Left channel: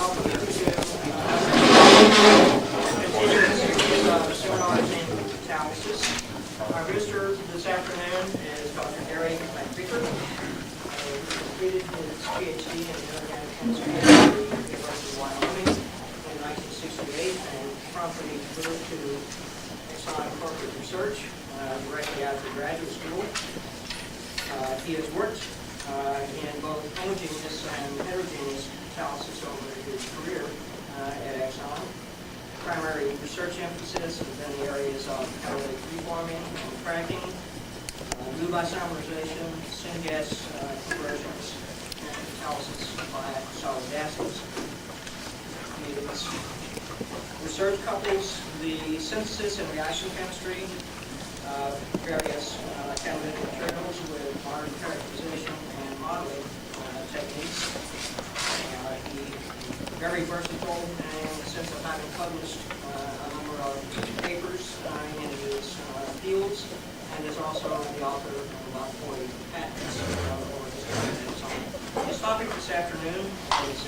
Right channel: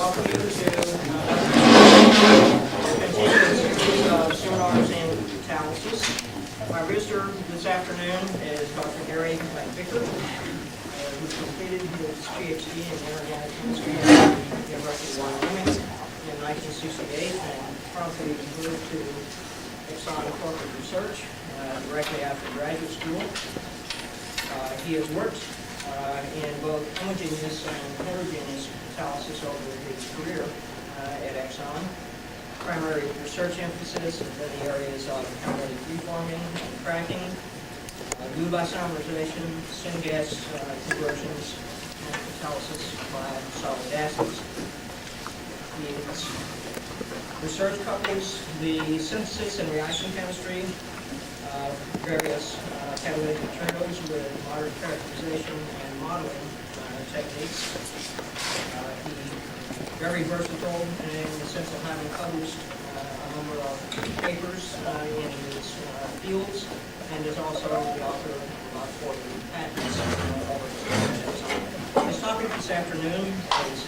welcome you to continue the series of seminars in catalysis. Our visitor this afternoon is Dr. Gary McVicker, who completed his PhD in inorganic chemistry at the University of Wyoming in 1968 and promptly moved to Exxon Corporate Research directly after graduate school. He has worked in both homogeneous and heterogeneous catalysis over his career at Exxon. Primary research emphasis has been the areas of catalytic reforming and cracking, lube isomerization, syngas conversions, and catalysis by solid acids. His research couples the synthesis and reaction chemistry of various catalytic materials with modern characterization and modeling techniques. He's very versatile in the sense of having published a number of papers in his fields, and is also the author of about 40 patents over his career at Exxon. His topic this afternoon is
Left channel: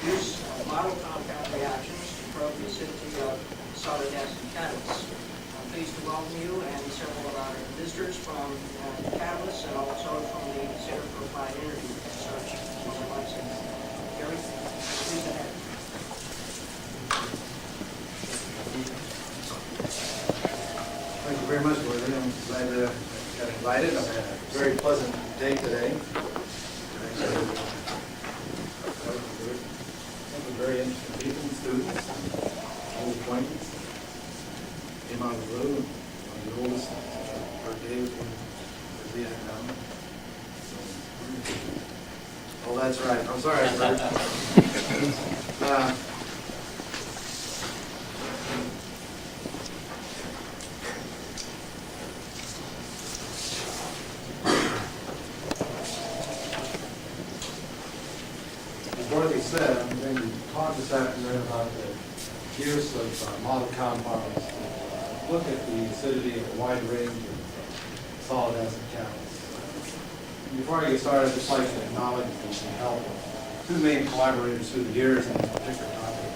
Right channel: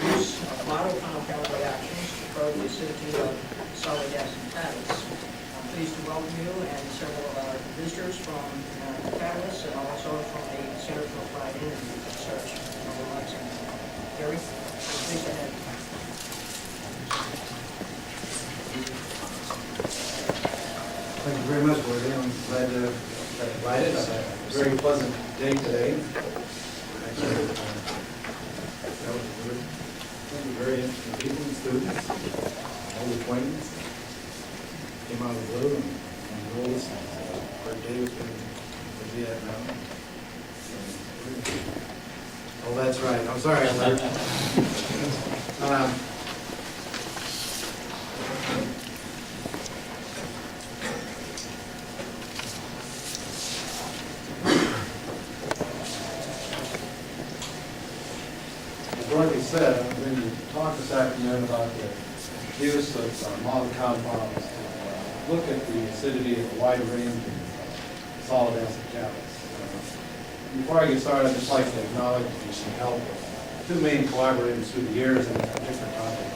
the use of model compound reactions to probe the acidity of solid acid catalysts. I'm pleased to welcome you and several of our visitors from the Catalysts and also from the Center for Applied Energy Research over Lexington. Gary, pleased to have you. Thank you very much, Worthy. I'm glad to get invited. I've had a very pleasant day today. Actually, that was a good, very interesting people and students, and old acquaintance. Came out of the blue, and one of the oldest, birthday was where's he at now? Oh, that's right. I'm sorry, sir. As Dorothy said, I'm going to talk this afternoon about the use of model compounds to look at the acidity of a wide range of solid acid catalysts. Before I get started, I'd just like to acknowledge the help of two main collaborators through the years in this particular topic.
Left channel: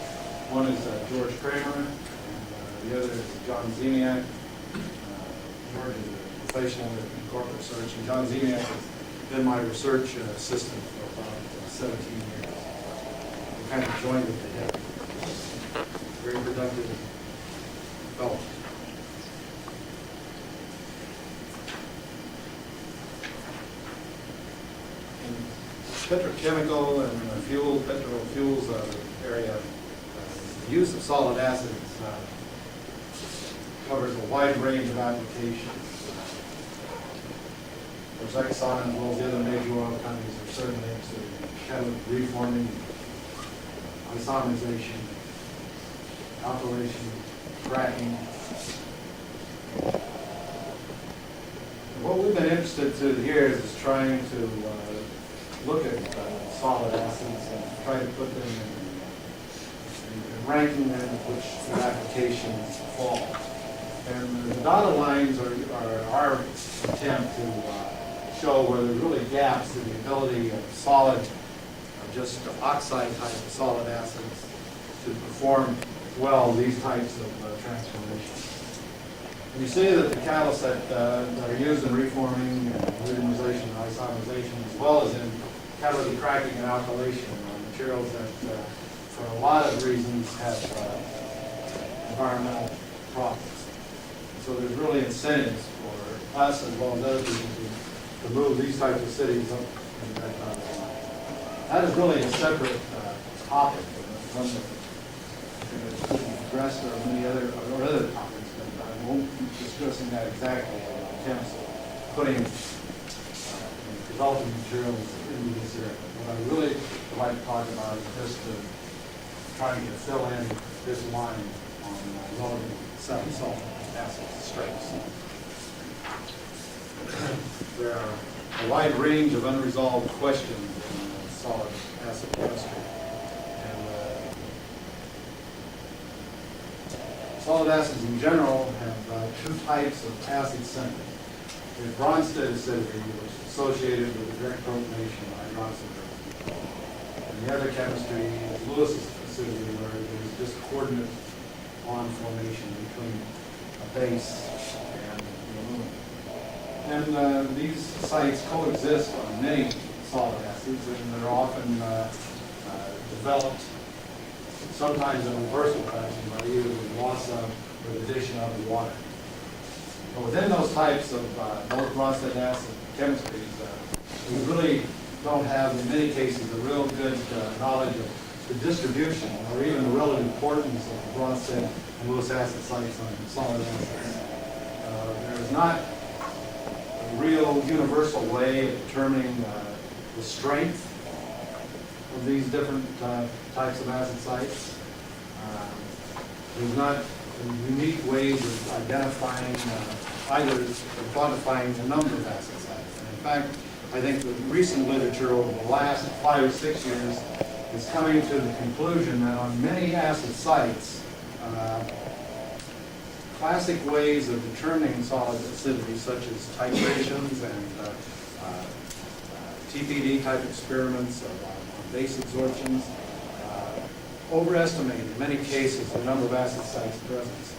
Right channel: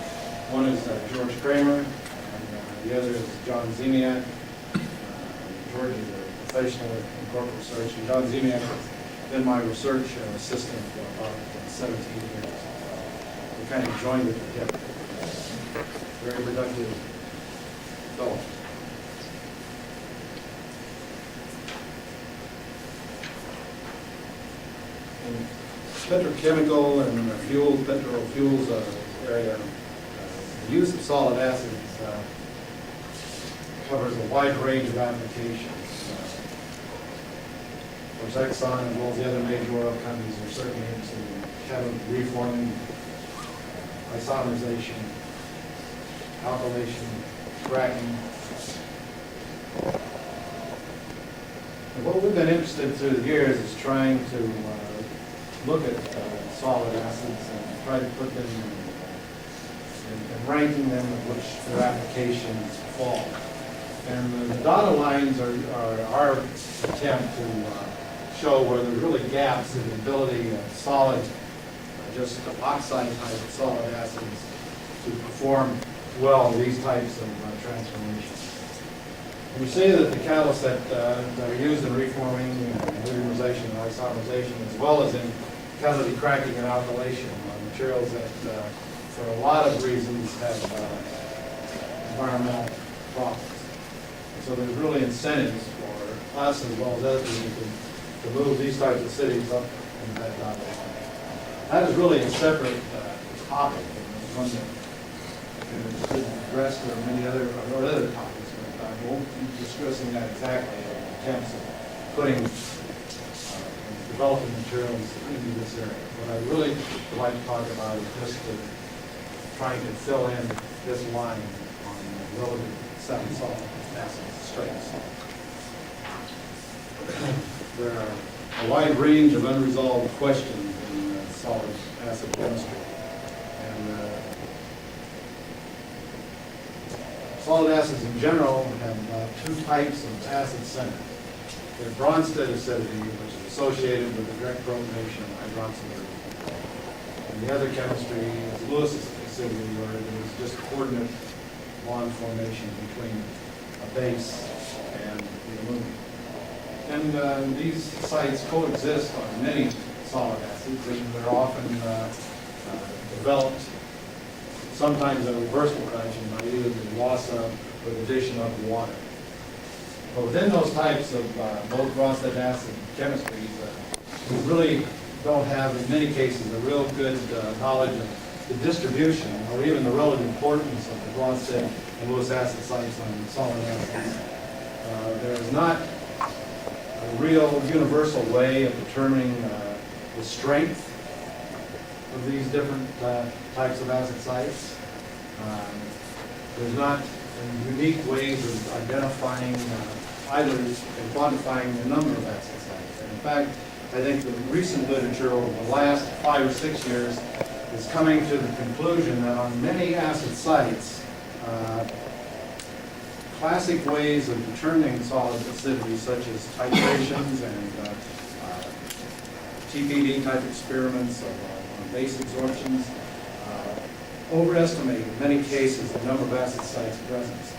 One is George Kramer, and the other is John Zemiak. George is a professional in corporate research, and John Zemiak has been my research assistant for about 17 years. We kind of joined at the hip. Very productive fellow. In petrochemical and petrol fuels area, the use of solid acids covers a wide range of applications. Of course, Exxon, as well as the other major oil companies, are certainly interested in catalytic reforming, isomerization, alkylation, cracking. And what we've been interested through the years is trying to look at solid acids and try to put them in ranking them in which their applications fall. And the dotted lines are our attempt to show where there's really gaps in the ability of solid, just oxide type of solid acids to perform well these types of transformations. And you see that the catalysts that are used in reforming, polymerization, and isomerization, as well as in catalytic cracking and alkylation, are materials that, for a lot of reasons, have environmental problems. And so there's really incentives for us, as well as other people, to move these types of cities up into that dotted line. That is really a separate topic, and it's one that could be addressed or many other topics, but I won't be discussing that exactly in attempts at putting and developing materials into this area. What I really would like to talk about is just trying to fill in this line on relative solid acid strengths. There are a wide range of unresolved questions in solid acid chemistry. And solid acids in general have two types of acid centers. The Bronsted acidity, which is associated with the direct protonation of hydroxyl group. And the other chemistry is Lewis acidity, where there is just coordinate bond formation between a base and the aluminum. And these sites coexist on many solid acids, and they're often developed sometimes in reversible fashion by either the loss of or the addition of water. But within those types of both Bronsted acid chemistries, we really don't have, in many cases, a real good knowledge of the distribution or even the relative importance of the Bronsted and Lewis acid sites on solid acids. There is not a real universal way of determining the strength of these different types of acid sites. There's not unique ways of identifying either or quantifying the number of acid sites. And in fact, I think the recent literature over the last 5 or 6 years is coming to the conclusion that on many acid sites, classic ways of determining solid acidity, such as titrations and TPD type experiments on base absorptions, overestimate in many cases the number of acid sites present.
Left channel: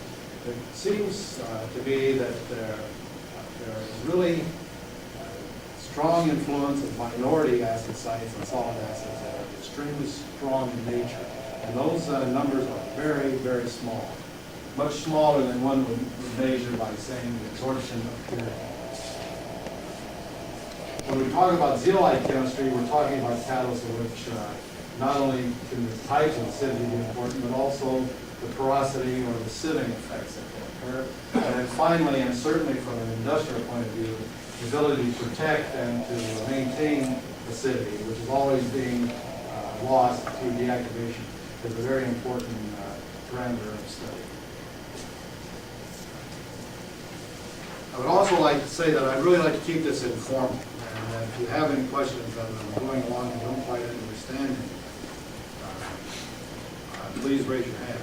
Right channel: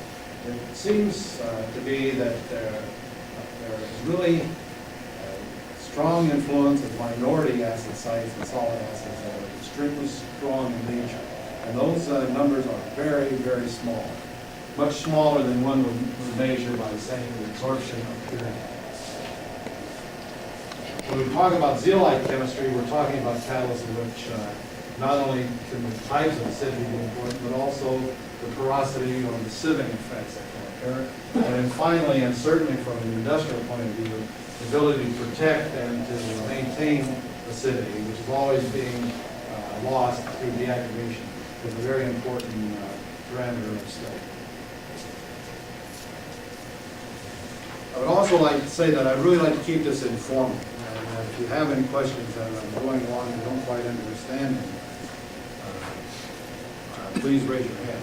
It seems to be that there is really strong influence of minority acid sites and solid acids that are extremely strong in nature. And those numbers are very, very small. Much smaller than one would measure by saying the absorption of purity. When we talk about zeolite chemistry, we're talking about catalysts of which not only can the types of acidity be important, but also the porosity or the sieving effects that can occur. And then finally, and certainly from an industrial point of view, the ability to protect and to maintain acidity, which is always being lost through deactivation, is a very important parameter of study. I would also like to say that I'd really like to keep this informal. And if you have any questions that I'm going along and don't quite understand, please raise your hand.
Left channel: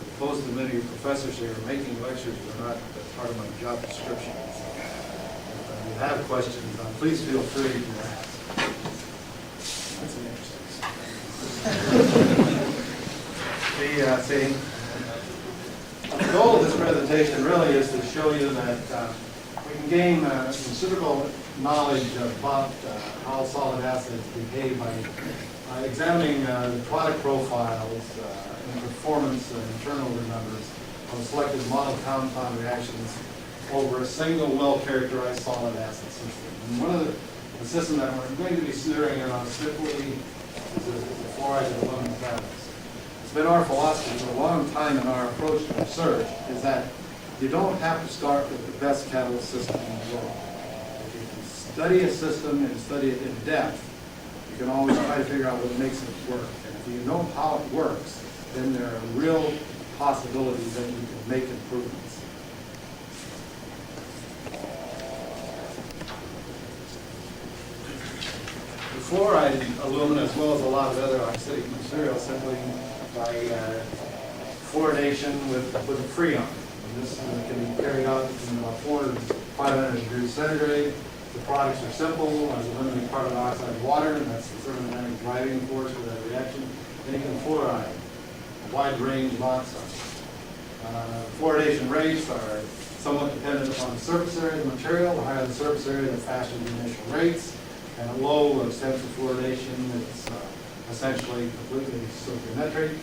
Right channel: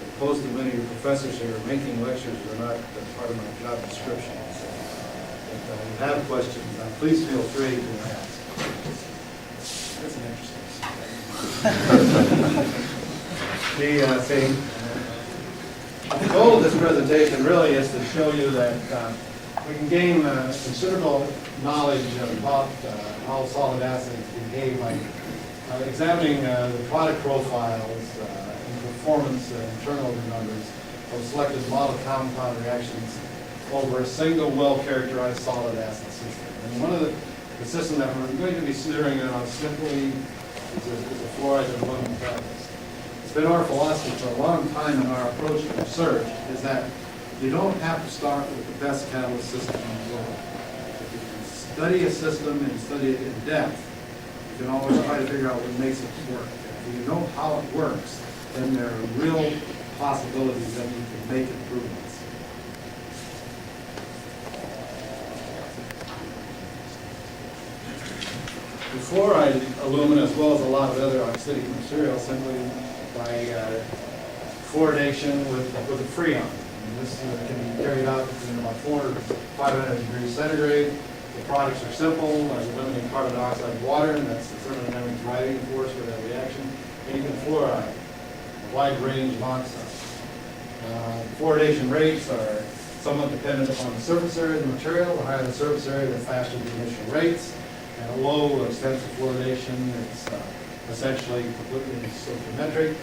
As opposed to many of your professors here, making lectures are not part of my job description. So if you have questions, please feel free to ask. That's an interesting the goal of this presentation really is to show you that we can gain considerable knowledge about how solid acids behave by examining the product profiles and performance and turnover numbers of selected model compound reactions over a single well-characterized solid acid system. And one of the systems that we're going to be steering on simply is a fluoride and aluminum catalyst. It's been our philosophy for a long time in our approach to research is that you don't have to start with the best catalyst system in the world. If you can study a system and study it in depth, you can always try to figure out what makes it work. And if you know how it works, then there are real possibilities that you can make improvements. The fluoride aluminum, as well as a lot of other oxidic materials, simply by fluoridation with a freon. And this can be carried out between about 400 to 500 degrees centigrade. The products are simple. You eliminate carbon dioxide and water, and that's the thermodynamic driving force for that reaction. And you can fluoride a wide range of oxides. Fluoridation rates are somewhat dependent upon the surface area of the material. The higher the surface area, the faster the initial rates. And a low extensive fluoridation, it's essentially completely stoichiometric.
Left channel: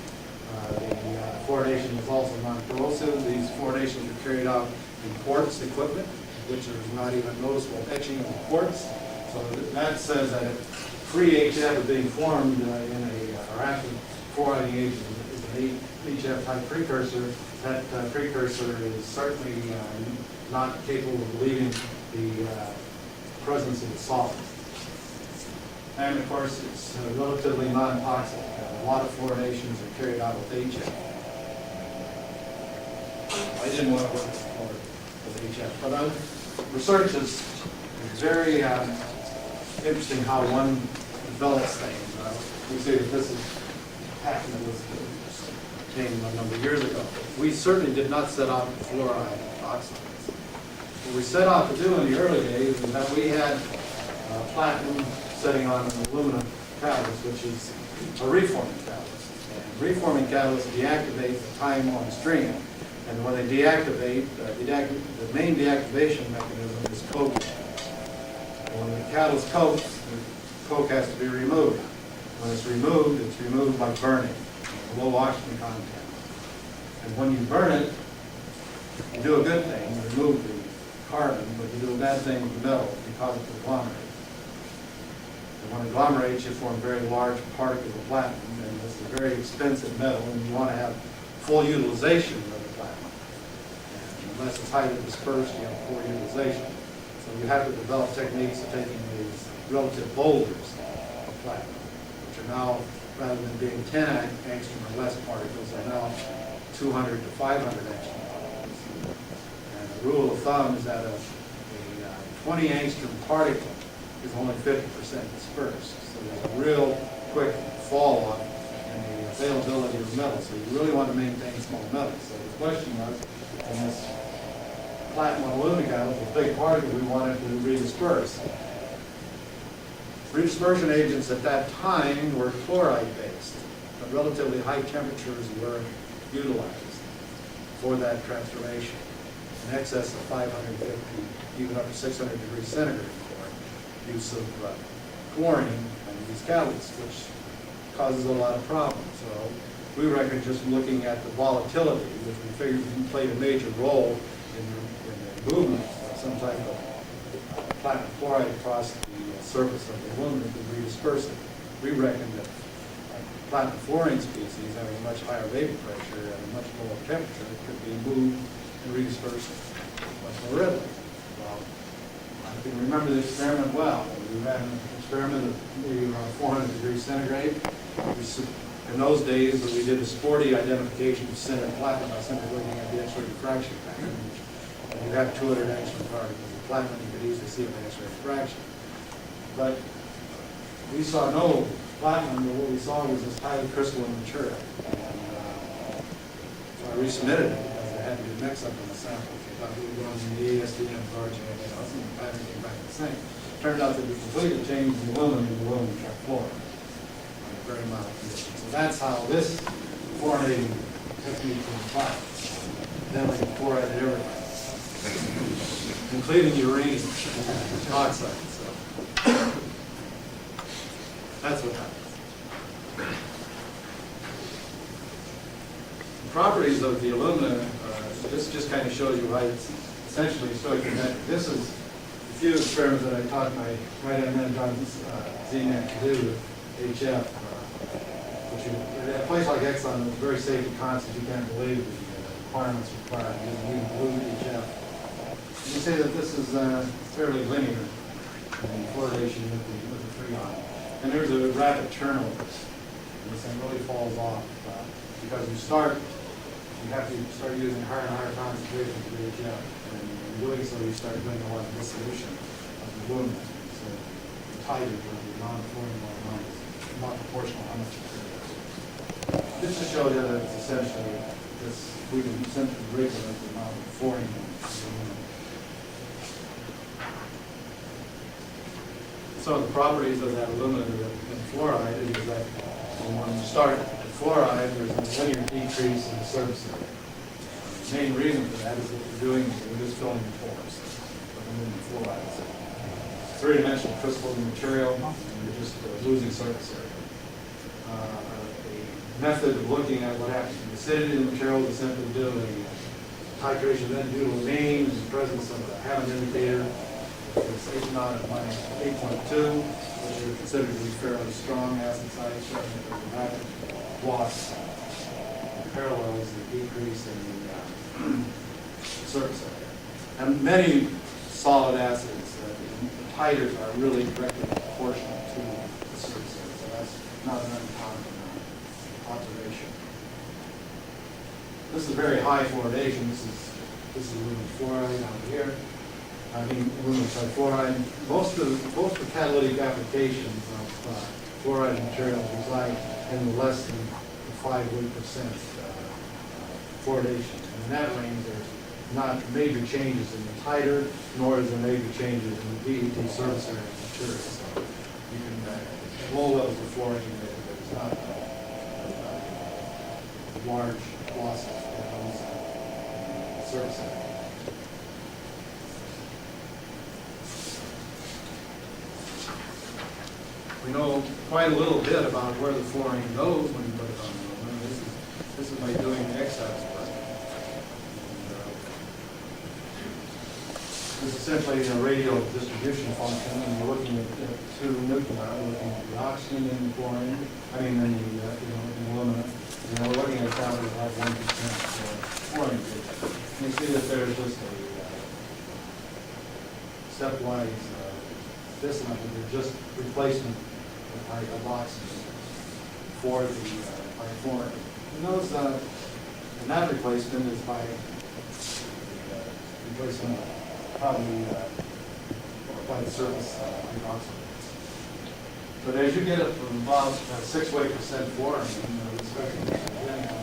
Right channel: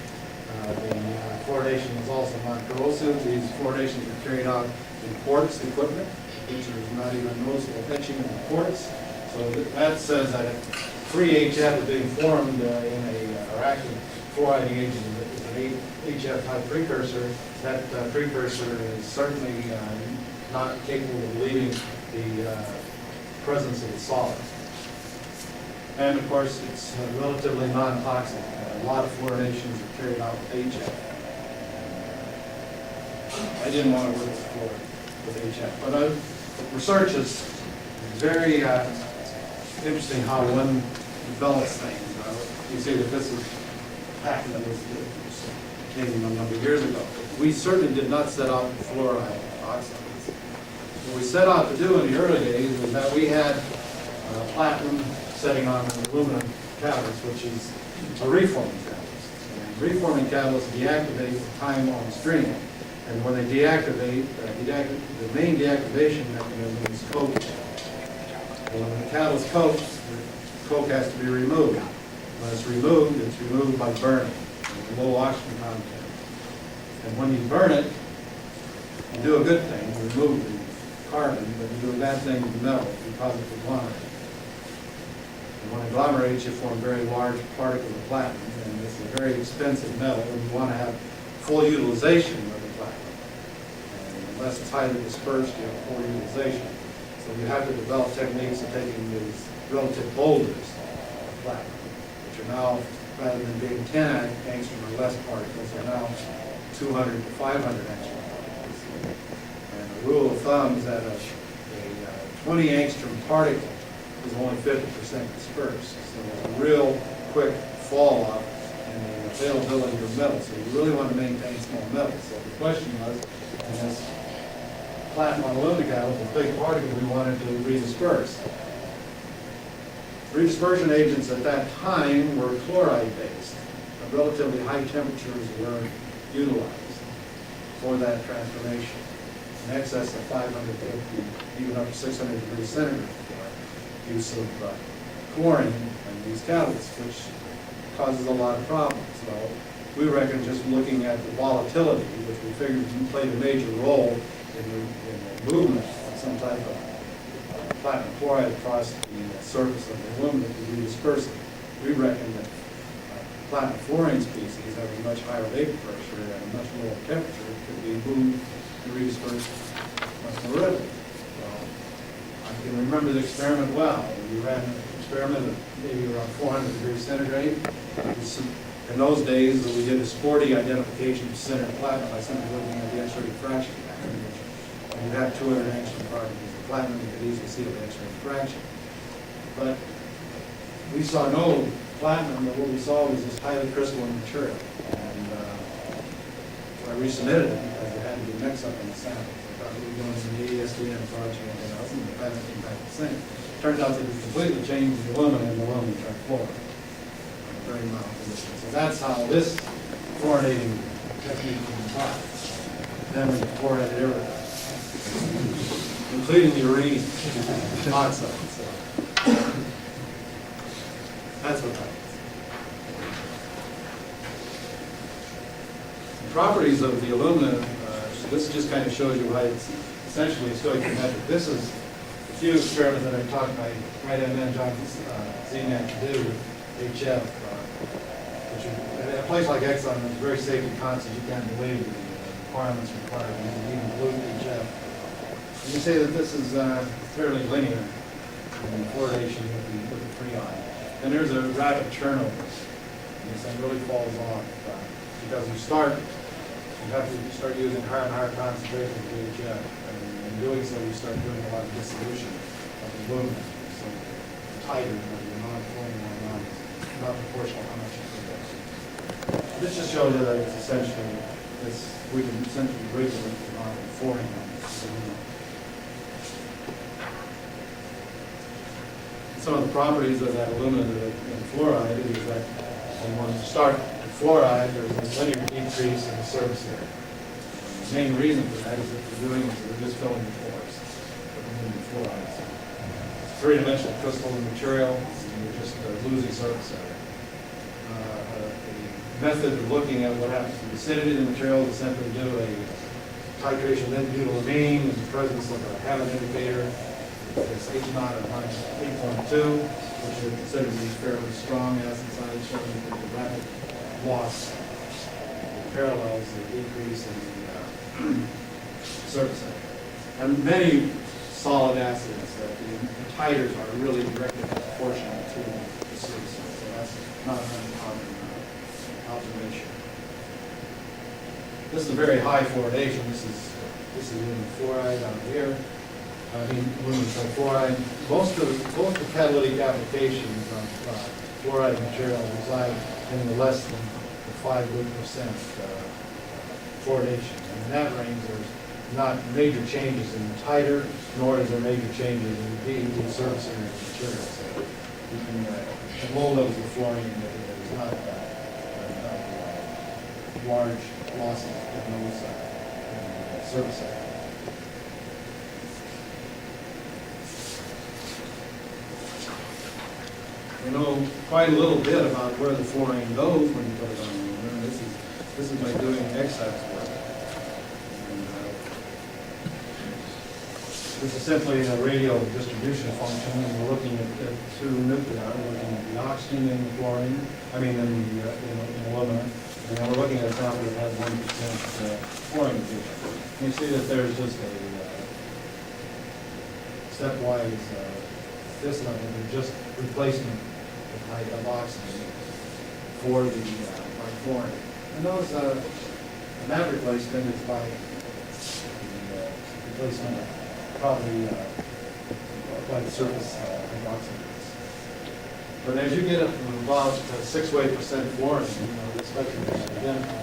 The fluoridation is also non-corrosive. These fluoridations are carried out in quartz equipment, which there's not even noticeable etching of the quartz. So that says that free HF is being formed in a active fluoriding agent is an HF type precursor. That precursor is certainly not capable of leaving the presence of the solid. And of course, it's relatively non-toxic. A lot of fluoridations are carried out with HF. And, I didn't want to work with HF, but research is very interesting how one develops things. You see that this is a patent that came a number of years ago. We certainly did not set out to fluoride oxides. What we set out to do in the early days is that we had platinum setting on an aluminum catalyst, which is a reforming catalyst. And reforming catalysts deactivate the time on stream. And when they deactivate, the main deactivation mechanism is coking. When the catalyst cokes, the coke has to be removed. When it's removed by burning, with a low oxygen content. And when you burn it, you do a good thing, you remove the carbon, but you do a bad thing with the metal, you cause it to agglomerate. And when it agglomerates, you form very large particles of platinum, and this is a very expensive metal, and you want to have full utilization of the platinum. And unless it's highly dispersed, you have poor utilization. So you have to develop techniques of taking these relative boulders of platinum, which are now, rather than being 10 angstrom or less particles, they're now 200 to 500 angstrom particles. And the rule of thumb is that a 20 angstrom particle is only 50% dispersed. So there's a real quick fall off in the availability of metal. So you really want to maintain small metals. So the question was, in this platinum aluminum catalyst, a big particle we wanted to redisperse. Redispersion agents at that time were chloride-based, but relatively high temperatures were utilized for that transformation, in excess of 550, even up to 600 degrees centigrade for use of chlorine and these catalysts, which causes a lot of problems. So we reckon just looking at the volatility, which we figured played a major role in the movement of some type of platinum chloride across the surface of the aluminum to redisperse it. We reckon that platinum fluorine species having a much higher vapor pressure and a much lower temperature could be moved and redispersed much more readily. Well, I can remember the experiment well. We ran an experiment at maybe around 400 degrees centigrade. In those days, we did a sporty identification of sintered platinum by simply looking at the X-ray diffraction pattern, which when you have 200 angstrom particles of platinum, you could easily see it by X-ray diffraction. But we saw no platinum, but what we saw was this highly crystalline material. And so I resubmitted it because there had to be a mix-up in the samples. I thought we were going in the ASTM barge and everything else, and the pattern came back the same. Turns out that we completely changed the aluminum and the aluminum trifluoride under very mild conditions. So that's how this fluorinating technique came about. Then we fluoridated everything, including uranium oxide. So that's what happens. The properties of the aluminum, this just kind of shows you why it's essentially stoichiometric. This is a few experiments that I taught my right-hand man, John Zeman, to do with HF, which is, at a place like Exxon, it's very safety conscious. You can't believe the requirements required using even blue HF. And you say that this is fairly linear in fluoridation with the freon. And there's a rapid turnover. This thing really falls off because you have to start using higher and higher concentrations of HF. And in doing so, we start doing a lot of dissolution of the aluminum. So the titer of the non-fluorine ion is not proportional how much you produce. This just shows you that it's essentially we can essentially regulate the amount of fluorine on the aluminum. Some of the properties of that aluminum and fluoride is that when you start the fluoride, there's a linear decrease in the surface area. The main reason for that is that we're just filling the pores with aluminum fluoride. So it's three-dimensional crystalline material, and you're just losing surface area. A method of looking at what happens to the acidity of the material is simply do a titration of N-butylamine in the presence of a Hammond indicator. It's H naught at minus 8.2, which are considered to be fairly strong acid sites, showing that there's a rapid loss that parallels the decrease in the surface area. And many solid acids, the titers are really directly proportional to the surface area, so that's not an uncommon observation. This is a very high fluoridation. This is aluminum fluoride out here. Aluminum trifluoride. Most of the catalytic applications of fluoride materials reside in the less than the 5% fluoridation. And in that range, there's not major changes in the titer, nor is there major changes in the PET surface area of the material. So you can, at low levels of fluorine, there's not large losses in those in the surface area. We know quite a little bit about where the fluorine goes when you put it on aluminum. This is by doing excess work. And, this is simply a radial distribution function, and we're looking at two nuclei, looking at the oxygen in the fluorine, in aluminum, and then we're looking at a sample that had 1% fluorine. And you see that there's just a stepwise at this level, they're just replacement of oxygen for the by fluorine. And those, and that replacement is by the replacement of probably by the surface hydroxyl. But as you get up to about 6 to 8% fluorine, the spectrum is identical,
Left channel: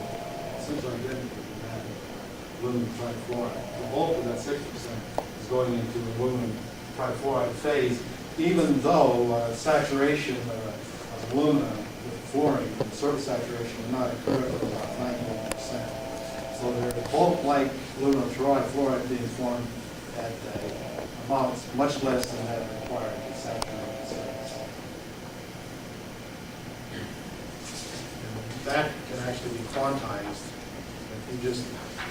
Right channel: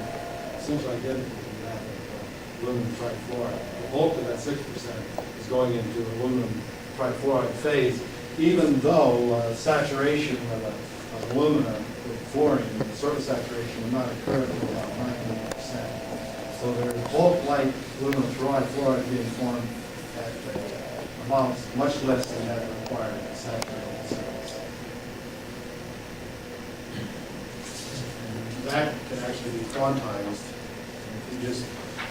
essentially identical to that of aluminum trifluoride. The bulk of that 6% is going into aluminum trifluoride phase, even though saturation of aluminum with fluorine, the surface saturation, will not occur until about 98%. So there is bulk-like aluminum trifluoride being formed at amounts much less than that required to saturate the surface. And that can actually be quantized. If you just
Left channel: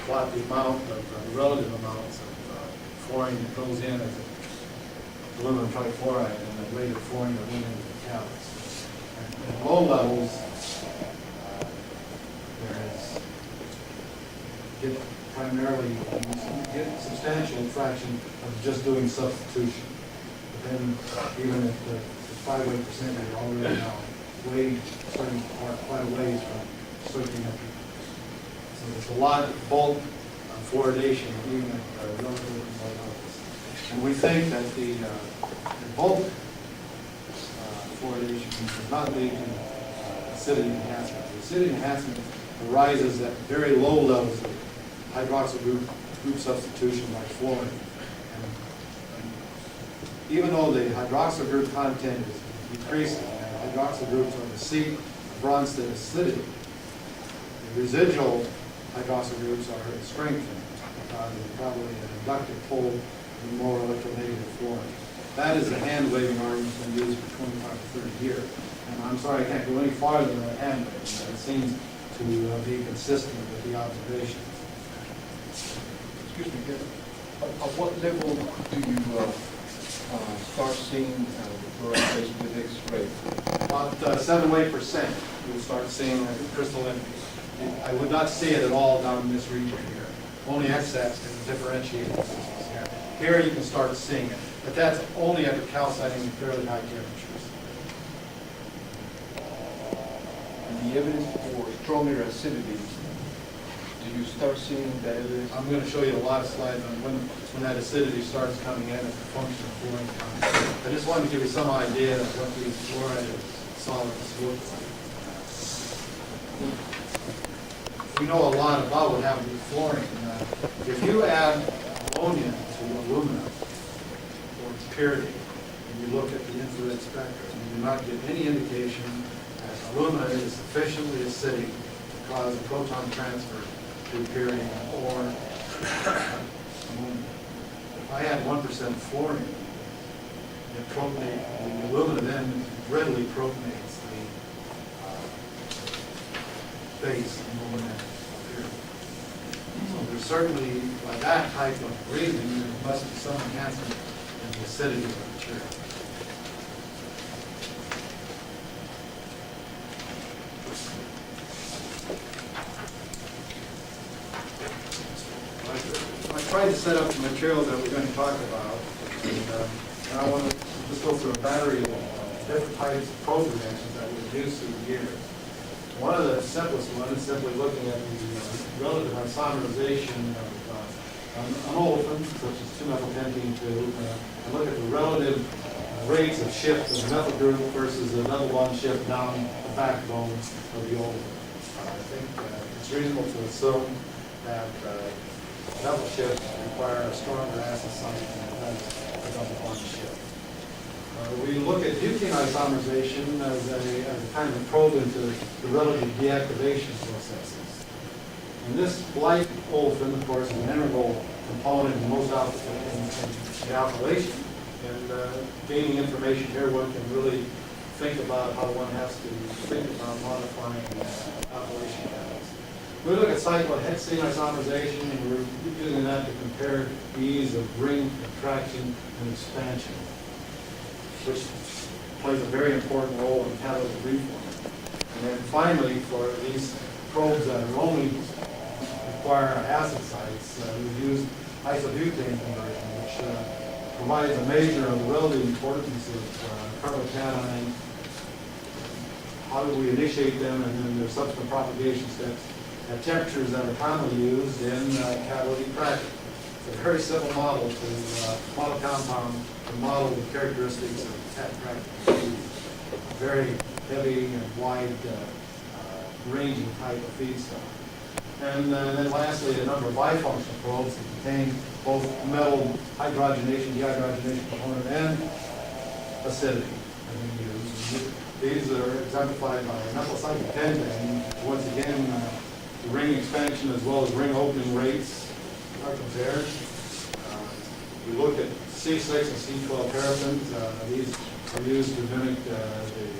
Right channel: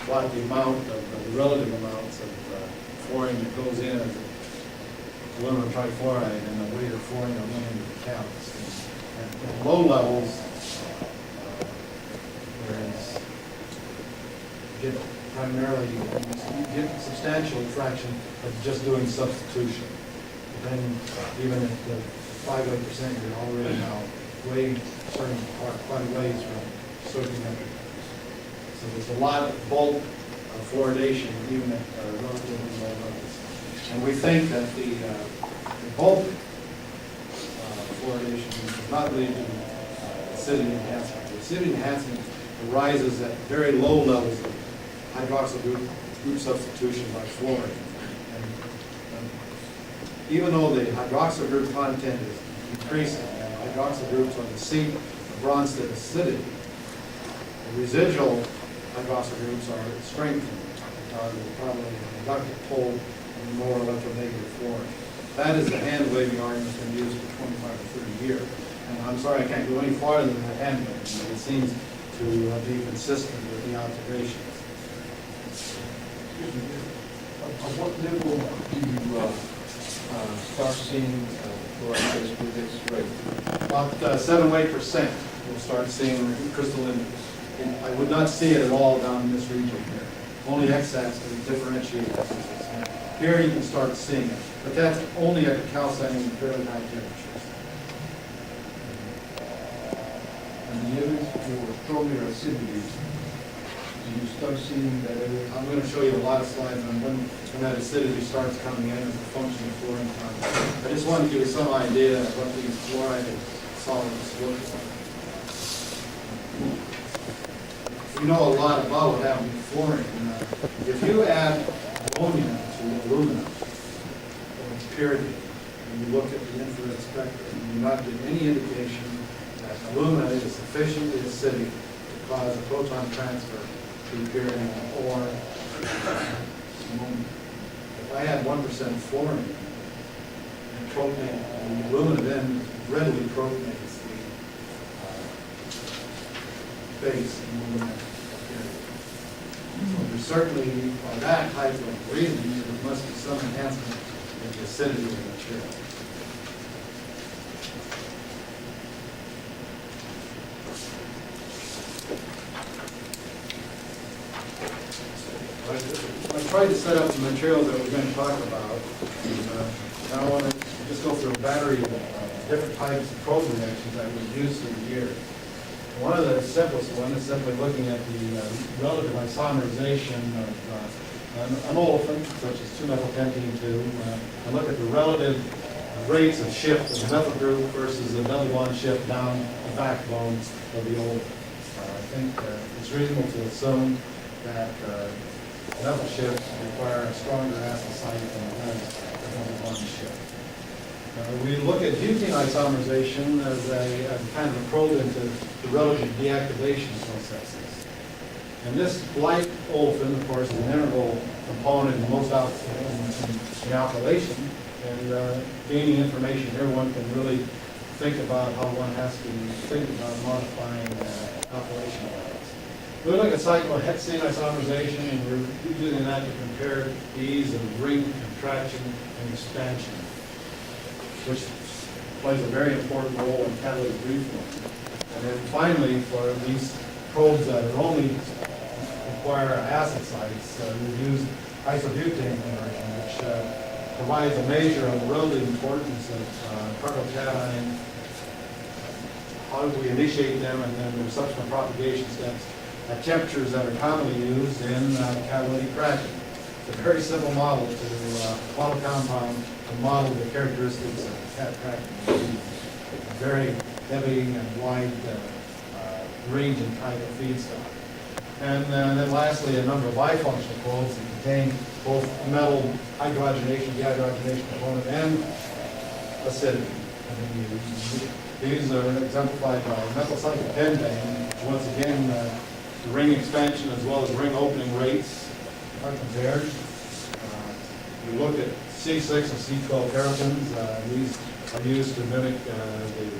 plot the amount of the relative amounts of fluorine that goes in as aluminum trifluoride and the weight of fluorine aluminum to the catalyst. And at low levels, primarily, you get substantial fraction of just doing substitution. But then, even at the 5 to 8%, you're already now starting quite a ways from soaking up. So there's a lot of bulk fluoridation, even at relatively low levels. And we think that the bulk fluoridation does not lead to acidity enhancement. The acidity enhancement arises at very low levels of hydroxyl group substitution by fluorine. And even though the hydroxyl group content is decreasing, and hydroxyl groups are the seat of Bronsted acidity, the residual hydroxyl groups are strengthened because of probably an inductive pull and more electronegative fluorine. That is the hand-waving argument that's been used for 25 to 30 years. And I'm sorry I can't go any farther than the hand-waving, but it seems to be consistent with the observations. Excuse me, at what level do you start seeing the fluoride phase with X-ray? About 7 to 8%, you'll start seeing crystalline. I would not see it at all down in this region here. Only X-axis can differentiate the systems here. Here you can start seeing it, but that's only at the calcining and fairly high temperatures. And the evidence for stronger acidity, do you start seeing that evidence? I'm going to show you a lot of slides on when that acidity starts coming in as a function of fluorine content. I just wanted to give you some idea of what these fluoride solids look like. We know a lot about what happens with fluorine. If you add ammonia to aluminum or purity, and you look at the infrared spectrum, you do not get any indication that alumina is sufficiently acidic to cause a proton transfer to purity or ammonia. If I had 1% fluorine, the alumina then readily protonates the base alumina purity. So there's certainly, by that type of reasoning, there must be some enhancement in the acidity of the material. I tried to set up the materials that we're going to talk about, and now I want to just go through a battery of different types of probe reactions that we've used through the years. One of the simplest ones is simply looking at the relative isomerization of an olefin, such as 2-methylpentene-2, and look at the relative rates of shift of the methyl group versus the double bond shift down the backbone of the olefin. I think it's reasonable to assume that methyl shifts require a stronger acid site than does the double bond shift. We look at butane isomerization as a kind of a probe into the relative deactivation processes. And this light olefin, of course, is an integral component in most in the alkylation. And gaining information here, one can really think about how one has to think about modifying alkylation values. We look at cyclohexane isomerization, and we're using that to compare the ease of ring contraction and expansion, which plays a very important role in catalytic reforming. And then finally, for these probes that are only require acid sites, we use isobutane conversion, which provides a measure of the relative importance of carbocation, how we initiate them, and then their subsequent propagation steps at temperatures that are commonly used in catalytic cracking. It's a very simple model to model compound, to model the characteristics of cat cracking. A very heavy and wide ranging type of feedstock. And then lastly, a number of bifunctional probes that contain both metal hydrogenation, dehydrogenation component, and acidity. These are exemplified by methyl cyclopentane, which once again, the ring expansion as well as ring opening rates are compared. We look at C6 and C12 paraffins. These are used to mimic the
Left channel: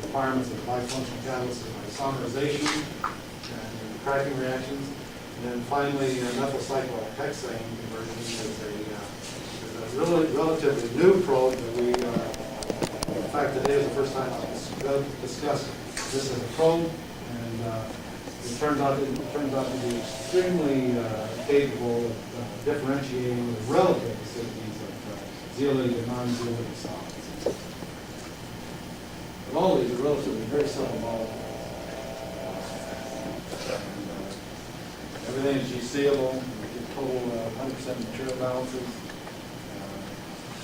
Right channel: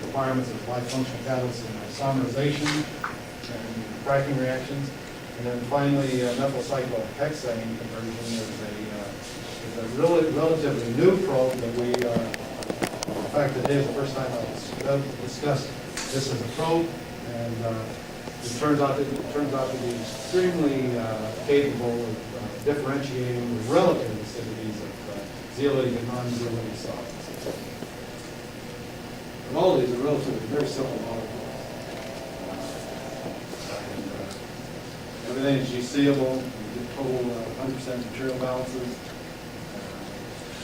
requirements of bifunctional catalysts in isomerization and cracking reactions. And then finally, methyl cyclohexane conversion is a really relatively new probe that we are, in fact, today is the first time I've discussed this as a probe, and it turns out to be extremely capable of differentiating the relative acidities of zeolitic and non-zeolitic solids. And all of these are relatively very simple molecules. Everything is G-seeable. We get total 100% material balances.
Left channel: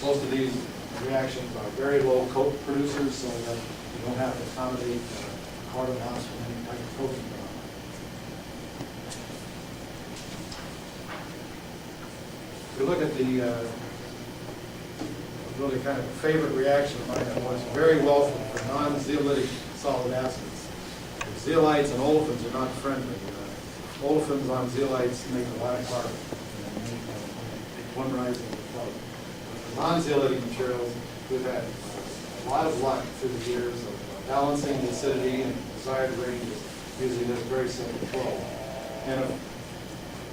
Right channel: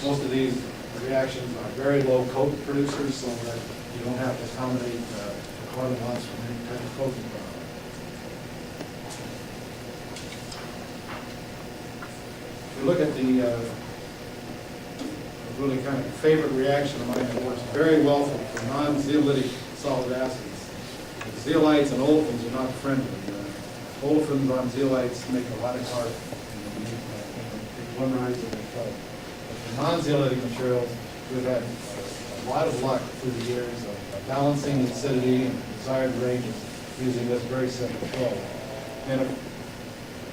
Most of these reactions are very low coke producers, so that you don't have to accommodate the carbon bonds from any type of coating problem. If you look at the really kind of favorite reaction of mine that works very well for non-zeolitic solid acids. Zeolites and olefins are not friendly. Olefins on zeolites make a lot of carbon, and make one rising in the color. But for non-zeolitic materials, we've had a lot of luck through the years of balancing the acidity and desired ranges using this very simple probe. And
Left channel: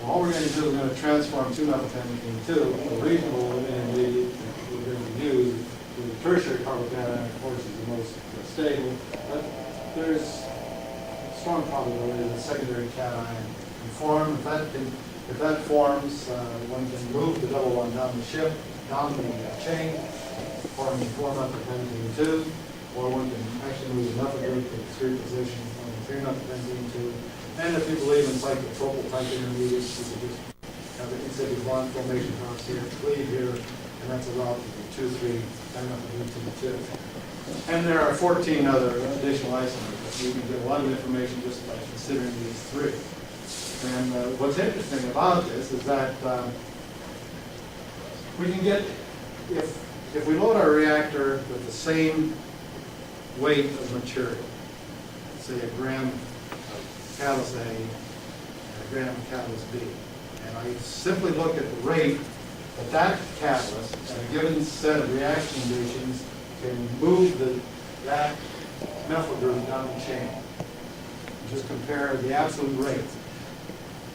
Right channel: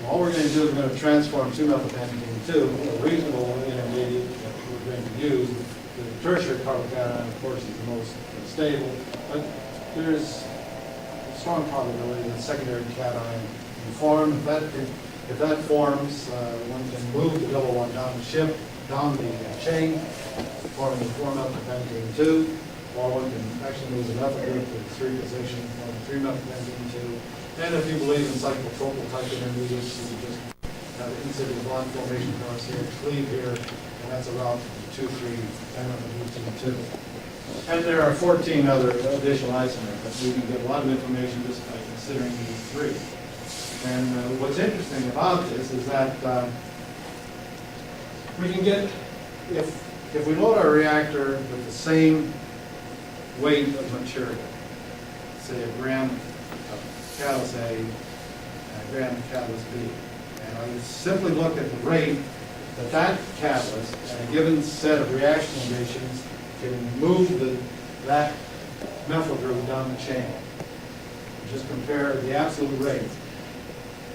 all we're going to do is we're going to transform 2-methylpentane to a reasonable intermediate that we're going to use. The tertiary carbocation, of course, is the most stable, but there's strong probability that secondary cation can form. If that forms, one can move the double bond down the ship, down the chain, forming 4-methylpentane 2, or one can actually move the methyl group to the 3 position, forming 3-methylpentane 2. And if you believe in cyclotropic type intermediates, you can just have the in-situ bond formation across here, cleave here, and that's a route to the 2,3-dimethylbutane 2. And there are 14 other additional isomers, but we can get a lot of information just by considering these 3. And what's interesting about this is that we can get, if we load our reactor with the same weight of material, say a gram of catalyst A and a gram of catalyst B, and I simply look at the rate that catalyst at a given set of reaction conditions can move that methyl group down the chain. Just compare the absolute rates.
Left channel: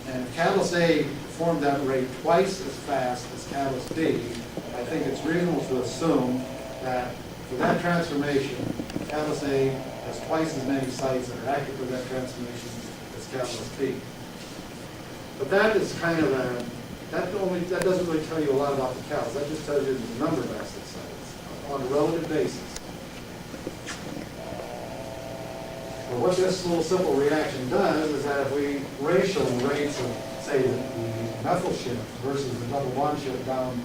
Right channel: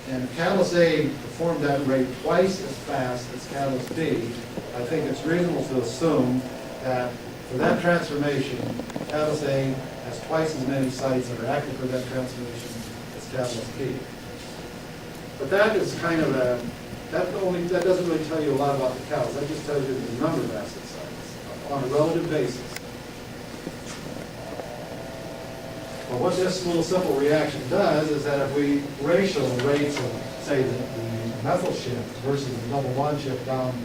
And if catalyst A performed that rate twice as fast as catalyst B, I think it's reasonable to assume that for that transformation, catalyst A has twice as many sites that are active for that transformation as catalyst B. But that is kind of that doesn't really tell you a lot about the catalyst. That just tells you the number of acid sites on a relative basis. But what this little simple reaction does is that if we ratio the rates of, say, the methyl shift versus the double bond shift down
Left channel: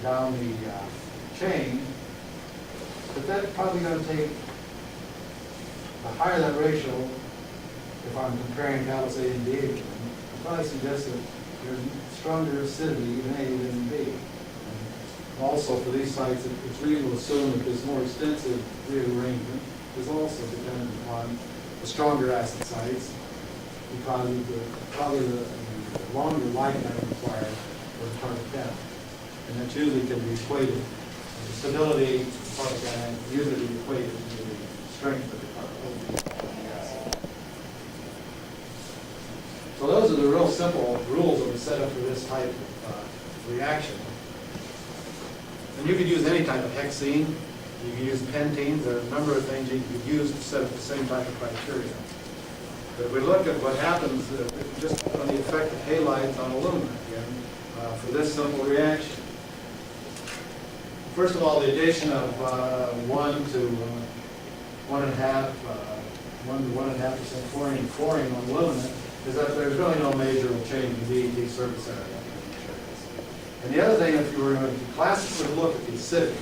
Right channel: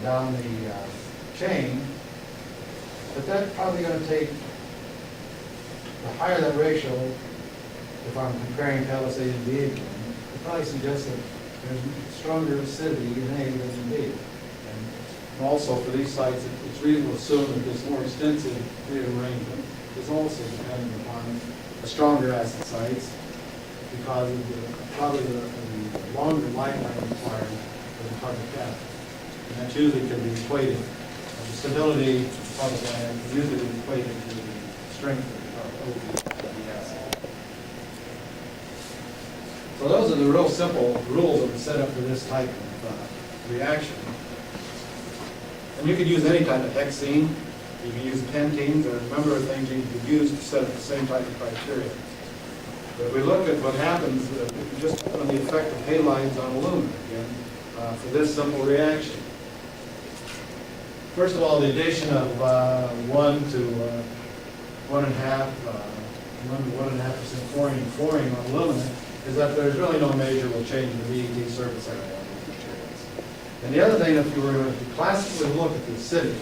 the chain, but that's probably going to take, the higher that ratio, if I'm comparing catalyst A and B again, it probably suggests that there's stronger acidity in A than in B. And Also, for these sites, it's reasonable to assume that this more extensive rearrangement is also dependent upon the stronger acid sites because of probably the longer lifetime required for the target cation. And that usually can be equated. The stability of the target cation is usually equated to the strength of the acid. So those are the real simple rules of the setup for this type of reaction. And you could use any type of hexene. You can use pentenes. There are a number of things you could use to set up the same type of criteria. But if we look at what happens just on the effect of halides on alumina, again, for this simple reaction. First of all, the addition of 1 to 1.5% chlorine and fluorine on alumina is that there's really no measurable change in the DET surface area of these materials. And the other thing, if you were going to classically look at the acidity,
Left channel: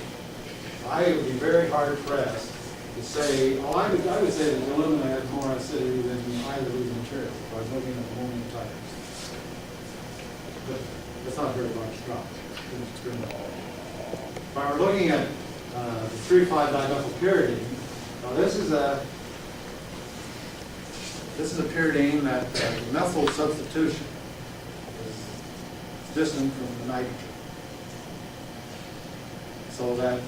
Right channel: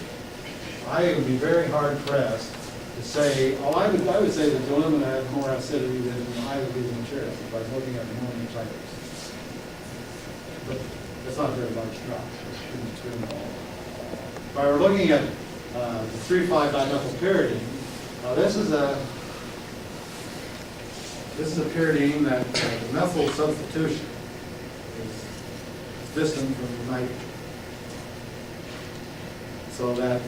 I would be very hard pressed to say, I would say that the alumina has more acidity than either of these materials if I was looking at the ammonium types. But that's not a very large drop. It's extremely low. If I were looking at the 3,5-dimethylpyridine, this is a pyridine that methyl substitution is distant from the nitrogen. So that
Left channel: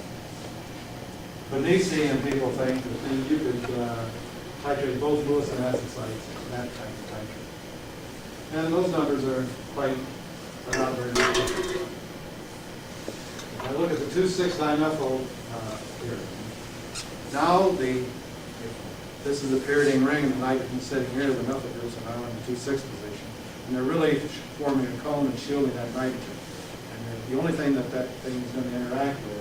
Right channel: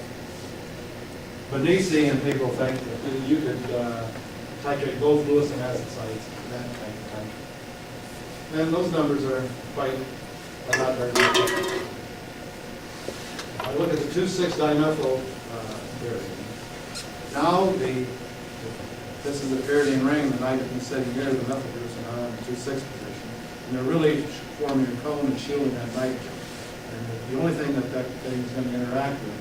Venetian people think that you could titrate both Lewis and acid sites at that type of titrate. And those numbers are not very good. If I look at the 2,6-dimethyl pyridine, now this is the pyridine ring, and the nitrogen sitting here, the methyl groups are now in the 2,6 position. And they're really forming a cone and shielding that nitrogen. And the only thing that thing is going to interact with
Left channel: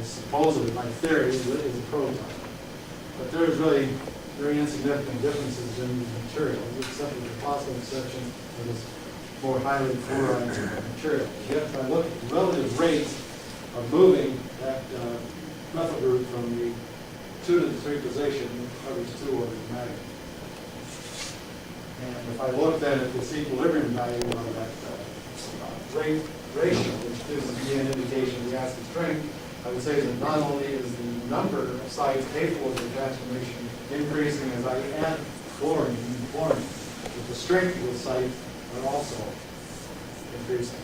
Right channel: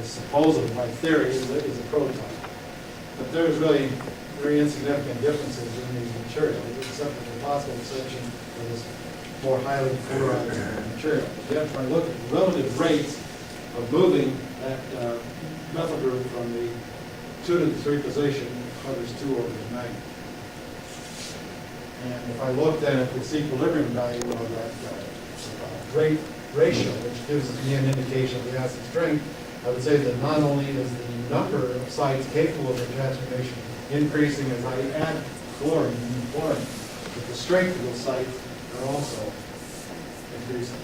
is supposedly, by theory, is a proton. But there's really very insignificant differences in these materials, except for the possible exception of this more highly fluoride material. Yet, if I look at the relative rates of moving that methyl group from the 2 to the 3 position, it covers 2 orders of magnitude. And if I look then at this equilibrium value of that rate ratio, which gives me an indication of the acid strength, I would say that not only is the number of sites capable of the transformation increasing as I add fluorine and fluorine, but the strength of those sites are also increasing.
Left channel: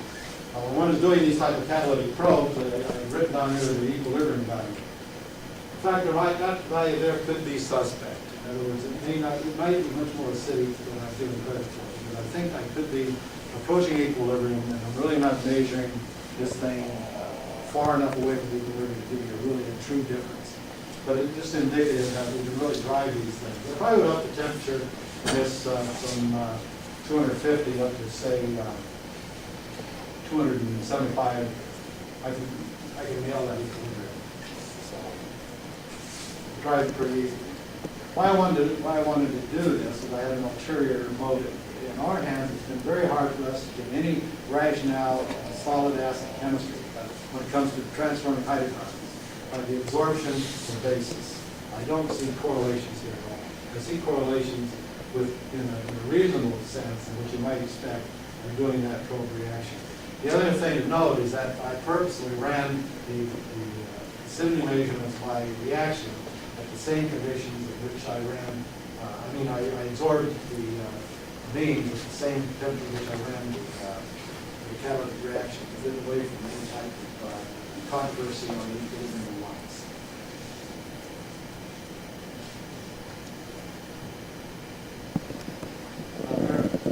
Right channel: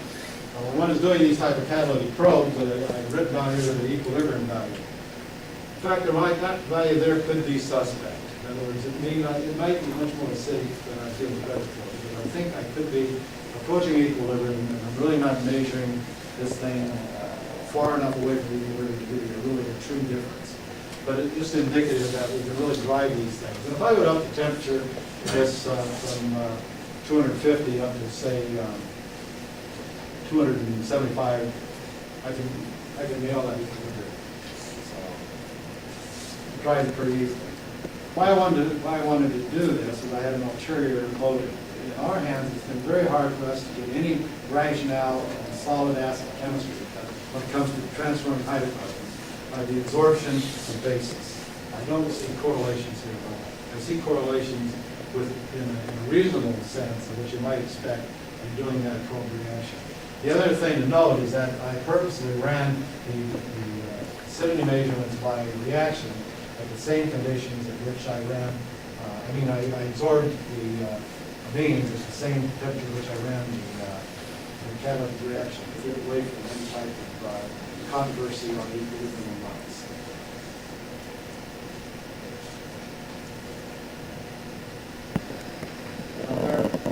Now, when one is doing these type of catalytic probes, I've written down here the equilibrium value. In fact, that value there could be suspect. In other words, it might be much more acidic than I'm feeling credit for. But I think I could be approaching equilibrium, and I'm really not measuring this thing far enough away from equilibrium to give you a true difference. But it's just indicative that we can really drive these things. And if I would up the temperature this from 250 up to say 275, I can nail that equilibrium. So it drives it pretty easily. Why I wanted to do this is I had an ulterior motive. In our hands, it's been very hard for us to get any rationale in solid acid chemistry when it comes to transforming hydrocarbons, the absorption of bases. I don't see correlations here at all. I see correlations in a reasonable sense of what you might expect in doing that probe reaction. The other thing to note is that I purposely ran the acidity measurements by reaction at the same conditions at which I ran, I absorbed the amines at the same temperature at which I ran the catalytic reaction to get away from any type of controversy on the equilibrium lines.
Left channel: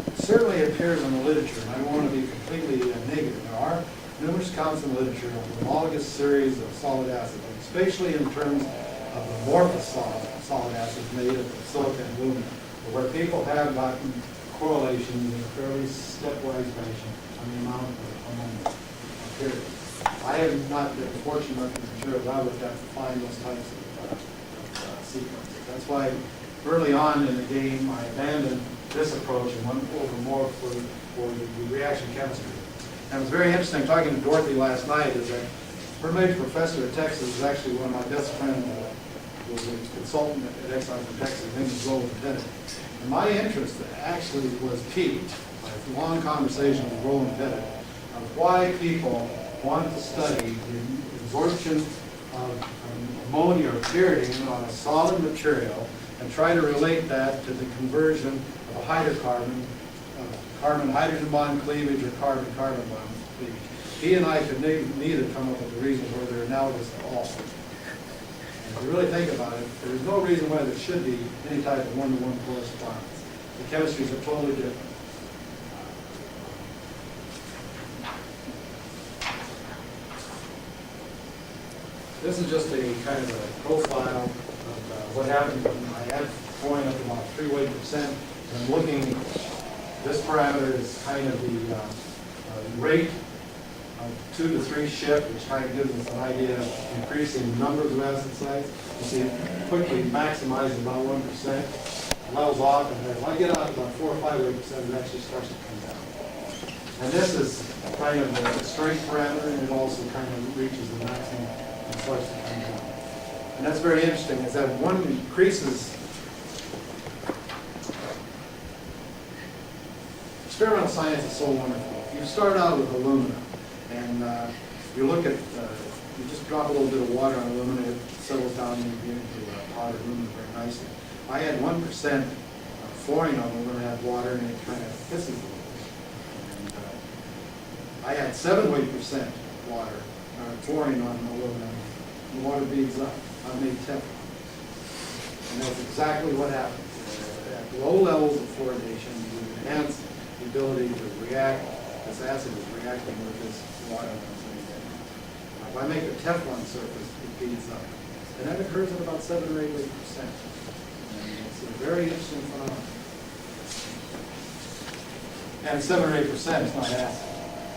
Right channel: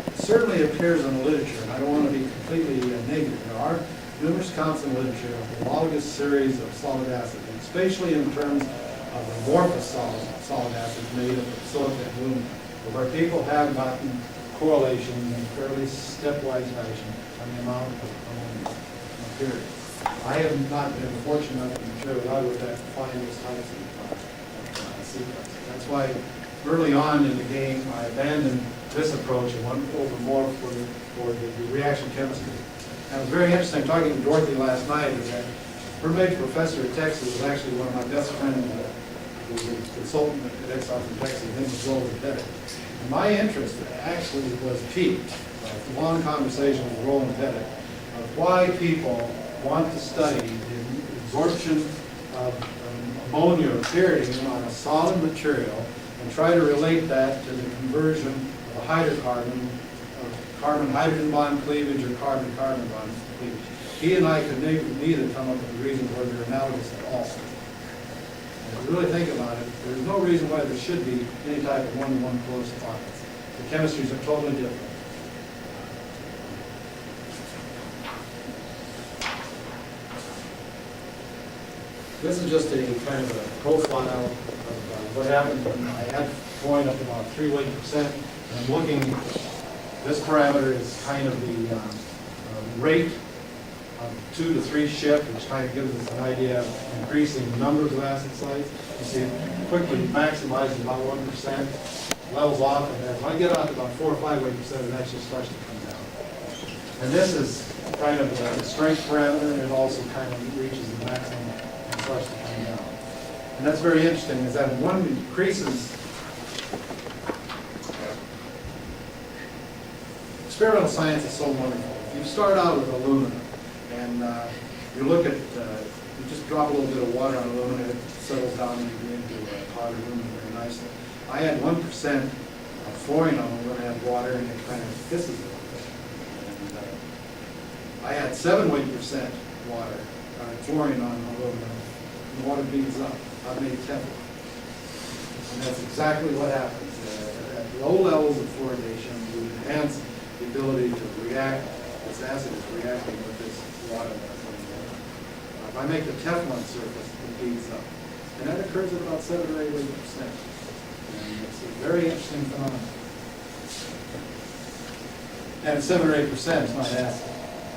It certainly appears in the literature, and I don't want to be completely negative. There are numerous accounts in the literature of homologous series of solid acids, and especially in terms of amorphous solid acids made up of silica and alumina, where people have gotten correlations in a fairly stepwise fashion on the amount of ammonia materials. I have not been fortunate enough in the materials I looked at to find those types of sequences. That's why early on in the game I abandoned this approach and went over more for the reaction chemistry. And it was very interesting talking to Dorothy last night, is that her major professor at Texas was actually one of my best friends who was a consultant at Exxon from Texas. His name was Roland Pettit. And my interest actually was piqued by a long conversation with Roland Pettit of why people want to study the absorption of ammonia or pyridine on a solid material and try to relate that to the conversion of a hydrocarbon, of carbon-hydrogen bond cleavage or carbon-carbon bond cleavage. He and I could neither come up with a reason where they're analogous at all. And if you really think about it, there's no reason why there should be any type of one-to-one correspondence. The chemistries are totally different. This is just a kind of a profile of what happens when I add fluorine up to about 3 weight percent. And I'm looking, this parameter is kind of the rate of 2 to 3 shift, which kind of gives us an idea of increasing numbers of acid sites. You see it quickly maximizes about 1%, levels off, and then when I get out about 4 or 5 weight percent, it actually starts to come down. And this is kind of the strength parameter, and it also kind of reaches the maximum and starts to come down. And that's very interesting, is that one increases, experimental science is so wonderful. If you start out with aluminum, and you look at, you just drop a little bit of water on aluminum, it settles down into powdered aluminum very nicely. I had 1% fluorine on it when I had water, and it kind of hisses a little bit. And I had 7 weight percent water, fluorine on aluminum, and the water beads up. I've made Teflon. And that's exactly what happens. At low levels of fluoridation, you enhance the ability to react. This acid is reacting with this water that I'm putting down. If I make a Teflon surface, it beads up. And that occurs at about 7 or 8 weight percent. And it's a very interesting phenomenon. And at 7 or 8%, it's not acid.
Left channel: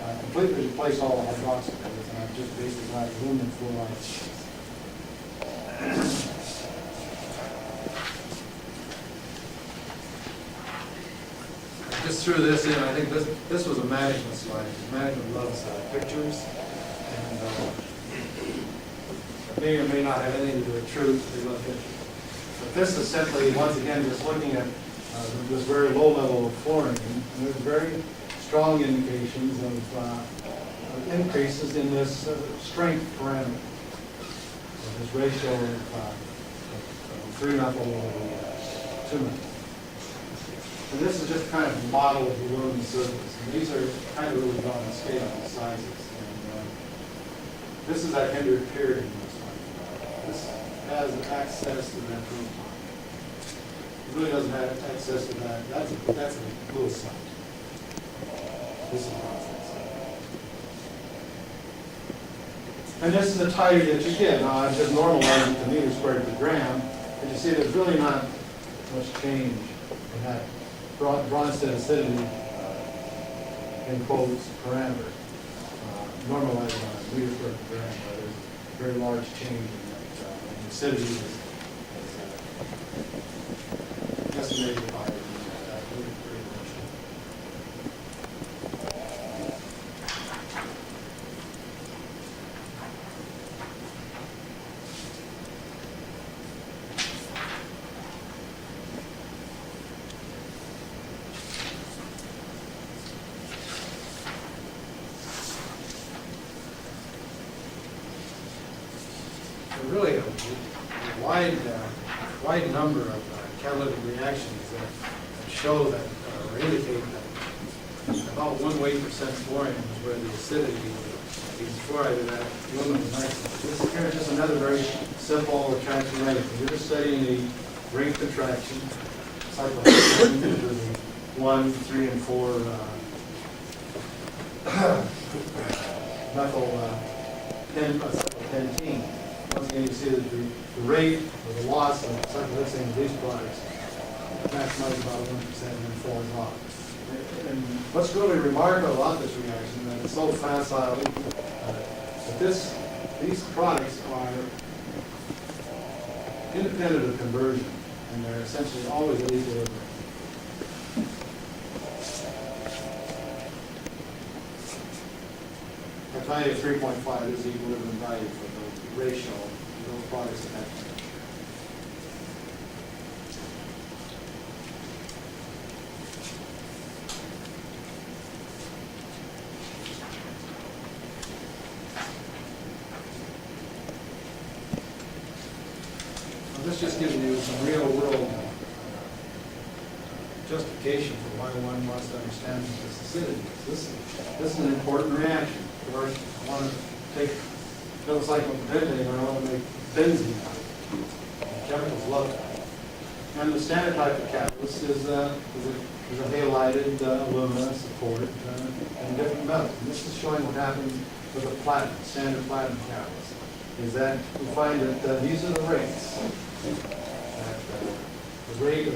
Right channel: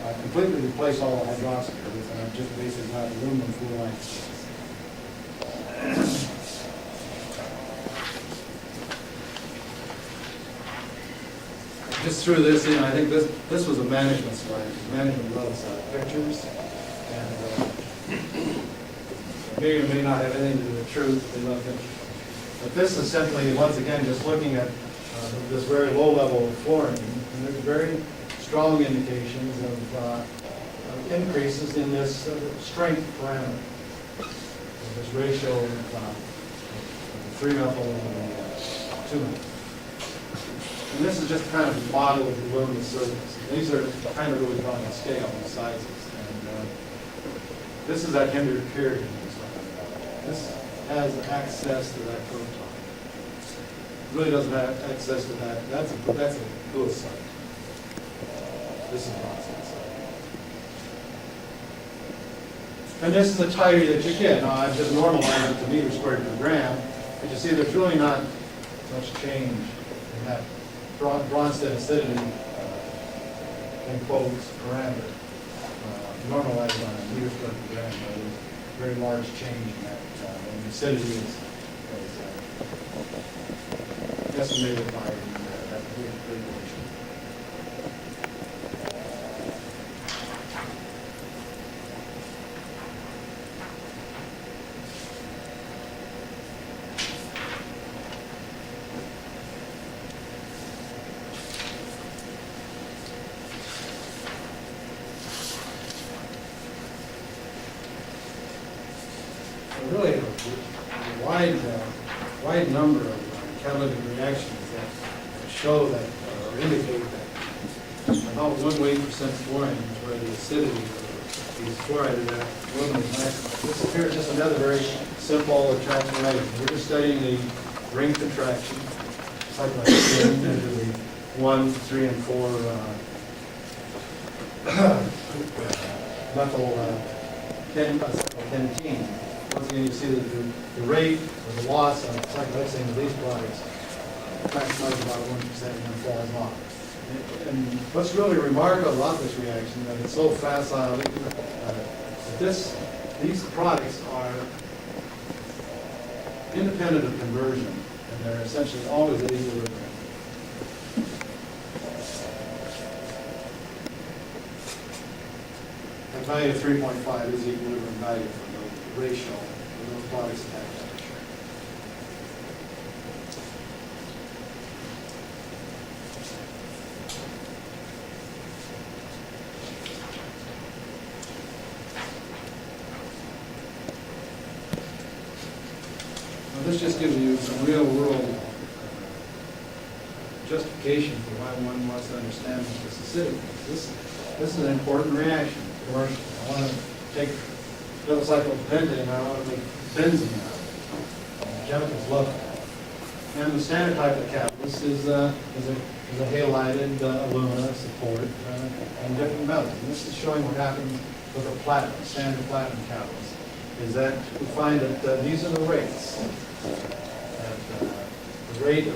I've completely replaced all the hydroxylates, and I've just basically got aluminum fluoride salts. I just threw this in. I think this was a management slide. Management loves pictures, and it may or may not have anything to do with truth, but they love pictures. But this is simply, once again, just looking at this very low level of fluorine, and there's very strong indications of increases in this strength parameter, of this ratio of 3-methyl over the 2-methyl. And this is just kind of a model of the aluminum surface. And these are kind of really drawn to scale, these sizes. And this is that hindered pyridine I was talking about. This has access to that proton. It really doesn't have access to that. That's a Lewis site. This is Bronsted site. And this is the titer that you get. Now I've just normalized it to meters squared per gram, but you see there's really not much change in that Bronsted acidity, in quotes, parameter, normalized on a meter squared per gram, where there's a very large change in that, and acidity is estimated by that regulation. Really a wide number of catalytic reactions that show that, or indicate that about 1 weight percent fluorine is where the acidity of these fluoride of that aluminum is maximum. Here's just another very simple transformation. We're just studying the ring contraction, cyclohexane into the 1, 3, and 4 methyl pentene. Once again, you see that the rate or the loss of cyclohexane of these products maximizes about 1% and then falls off. And what's really remarkable about this reaction is that it's so facile that these products are independent of conversion, and they're essentially always at equilibrium. A value of 3.5 is the equilibrium value for the ratio of those products at that temperature. this just gives you some real-world justification for why one wants to understand what this acidity is. This is an important reaction commercially. I want to take Isobutane and I want to make benzene out of it. And the chemicals love that. And the standard type of catalyst is a halide alumina support and different metals. And this is showing what happens with a platinum, standard platinum catalyst, is that we find that these are the rates. That the rate of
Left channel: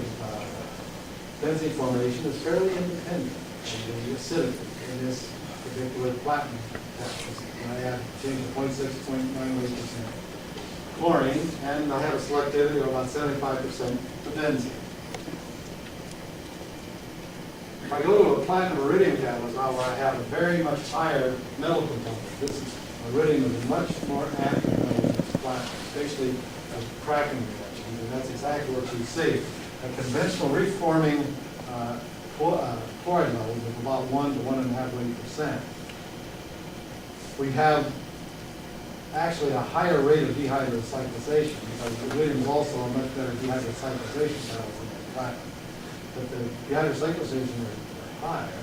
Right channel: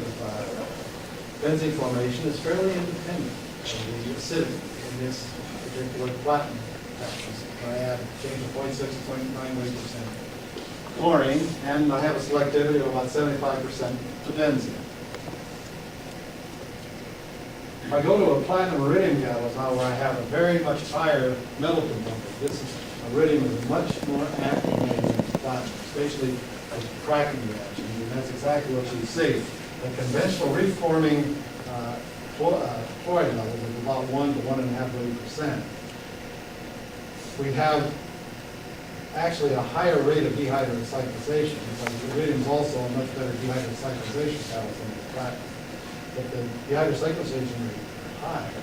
benzene formation is fairly independent of the acidity in this particular platinum catalyst. I add change of 0.6, 0.98% chlorine, and I have a selectivity of about 75% to benzene. If I go to a platinum iridium catalyst now where I have a very much higher metal component, iridium is a much more active metal than platinum, especially as cracking reactions, and that's exactly what you see. A conventional reforming chloride levels of about 1 to 1.5%. We have actually a higher rate of dehydrocyclization because iridium is also a much better dehydrocyclization catalyst than the platinum. But the dehydrocyclization rates are higher,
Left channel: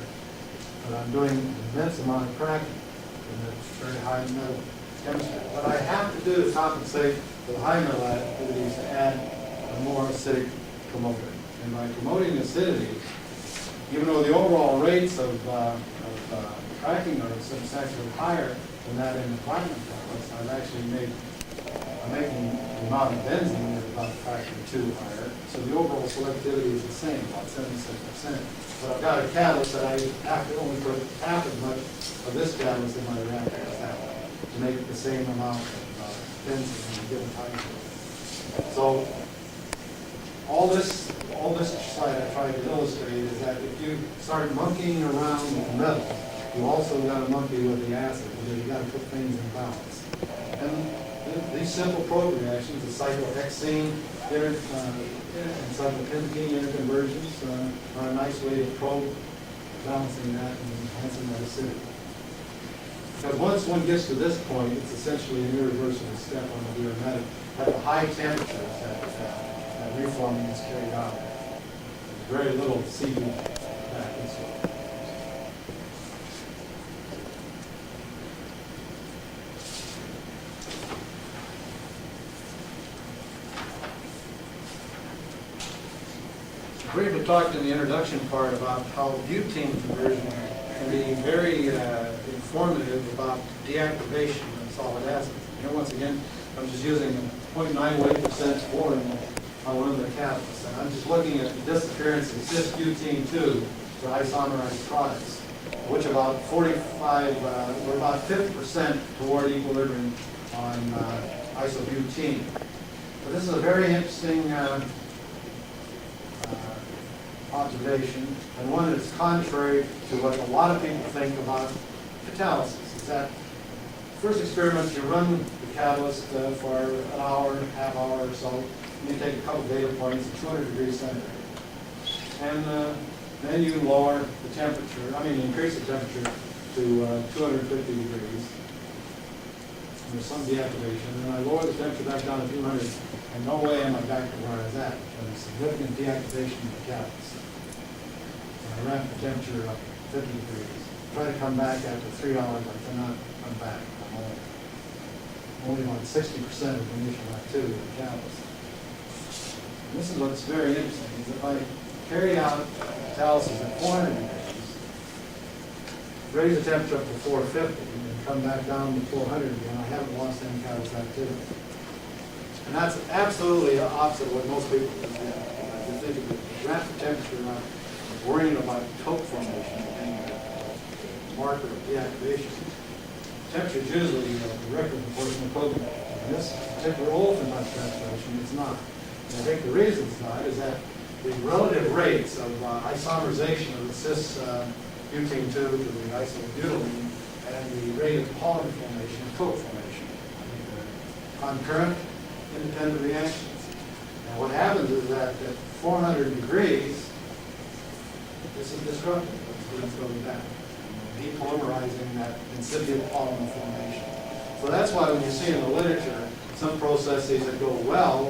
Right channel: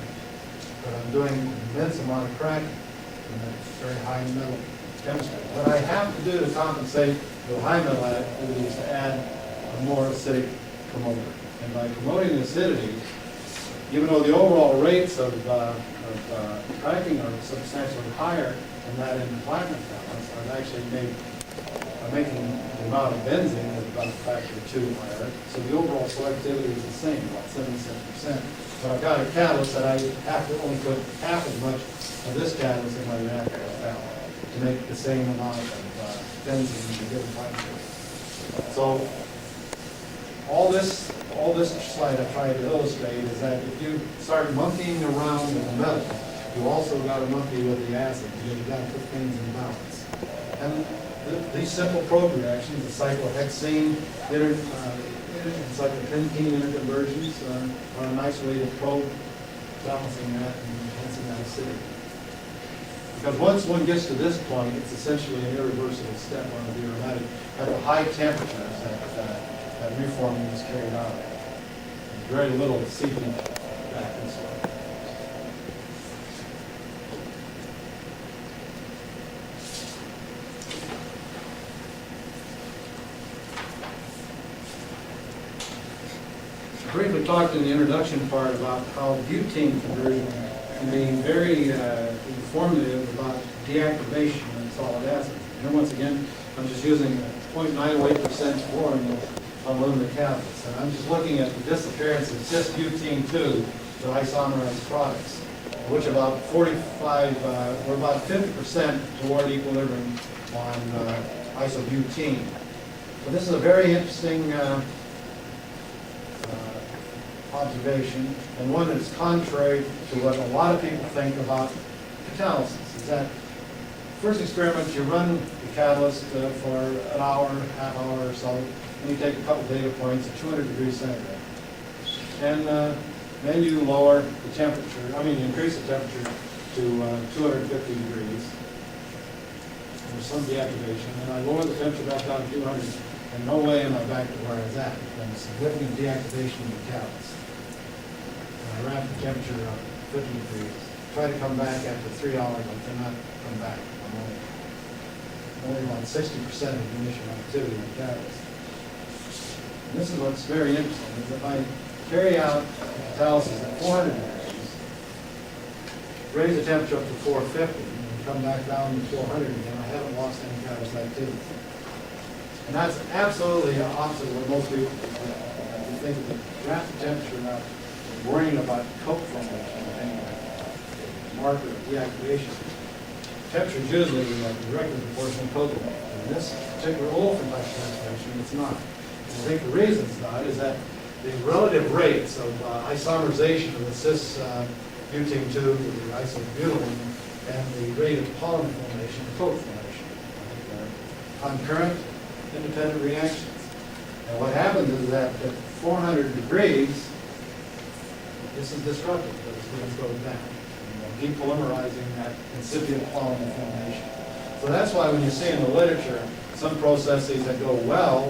but I'm doing an immense amount of cracking in that very high metal chemistry. What I have to do to compensate for the high metal activity is to add a more acidic promoter. And by promoting acidity, even though the overall rates of cracking are substantially higher than that in the platinum catalyst, I'm making the amount of benzene at about a factor of 2 higher. So the overall selectivity is the same, about 77%. But I've got a catalyst that I have to only put half as much of this catalyst in my reactor as that one to make the same amount of benzene in a given time period. So all this slide I tried to illustrate is that if you start monkeying around with the metal, you also got to monkey with the acid because you've got to put things in balance. And these simple probe reactions, the cyclohexene and cyclopentene interconversions, are a nice way to probe balancing that and enhancing that acidity. Because once one gets to this point, it's essentially an irreversible step on the aromatic at the high temperatures that reforming is carried out at. There's very little seepage back this way. I briefly talked in the introduction part about how butane conversion can be very informative about deactivation in solid acids. And here once again, I'm just using a 0.98% fluorine aluminum catalyst. And I'm just looking at the disappearance of cis-butene-2 to isomerized products, which about 45, or about 50% toward equilibrium on isobutane. But this is a very interesting observation, and one that's contrary to what a lot of people think about catalysis. Is that first experiment, you run the catalyst for an hour, half hour or so, and you take a couple data points at 200 degrees centigrade. And then you lower the temperature, increase the temperature to 250 degrees. And there's some deactivation. And I lower the temperature back down to 200, and no way am I back to where I was at. There's been significant deactivation in the catalyst. And I ramp the temperature up 50 degrees. Try to come back after 3 hours, I cannot come back. I'm only about 60% of the initial activity in the catalyst. And this is what's very interesting, is if I carry out the catalysis at 400 degrees, raise the temperature up to 450, and come back down to 400 again, I haven't lost any catalyst activity. And that's absolutely opposite of what most people do. Because you think of the ramp the temperature up, worrying about coke formation and being a marker of deactivation. Temperature is usually directly proportional to coke formation. In this particular olefin type of saturation, it's not. And I think the reason it's not is that the relative rates of isomerization of the cis-butane-2 to the isobutylene and the rate of polymer formation and coke formation. I think they're concurrent, independent reactions. And what happens is that at 400 degrees, this is disrupted. This goes down. And depolymerizing that incipient polymer formation. So that's why when you see in the literature some processes that go well,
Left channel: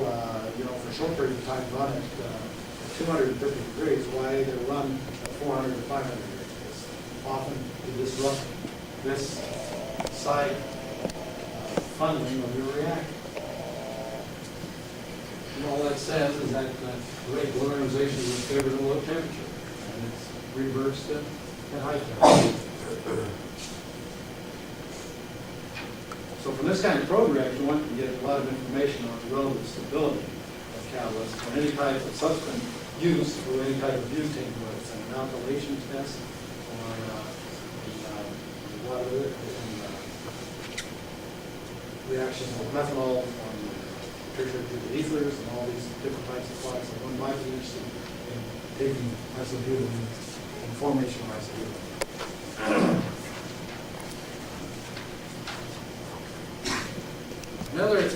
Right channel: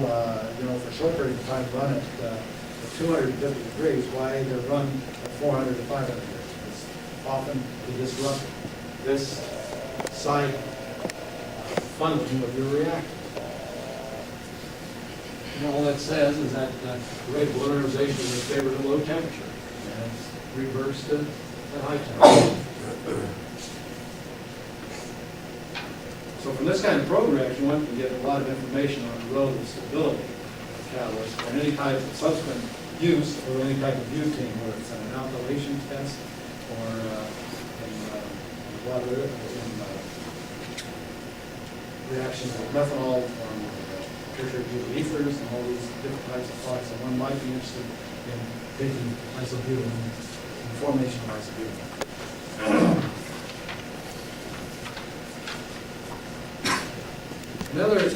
you know, for short periods of time run at 250 degrees, why they run at 400 to 500 degrees. It's often to disrupt this side funneling of your reactor. And all that says is that the rate of polymerization is favored at low temperature, and it's reversed at high temperature. So from this kind of program, you want to get a lot of information on the relative stability of catalysts for any type of subsequent use or any type of butane, whether it's an alkylation test or reactions with methanol from tertiary butyl ethers and all these different types of products. So one might be interested in taking isobutylene and formation of isobutylene. Another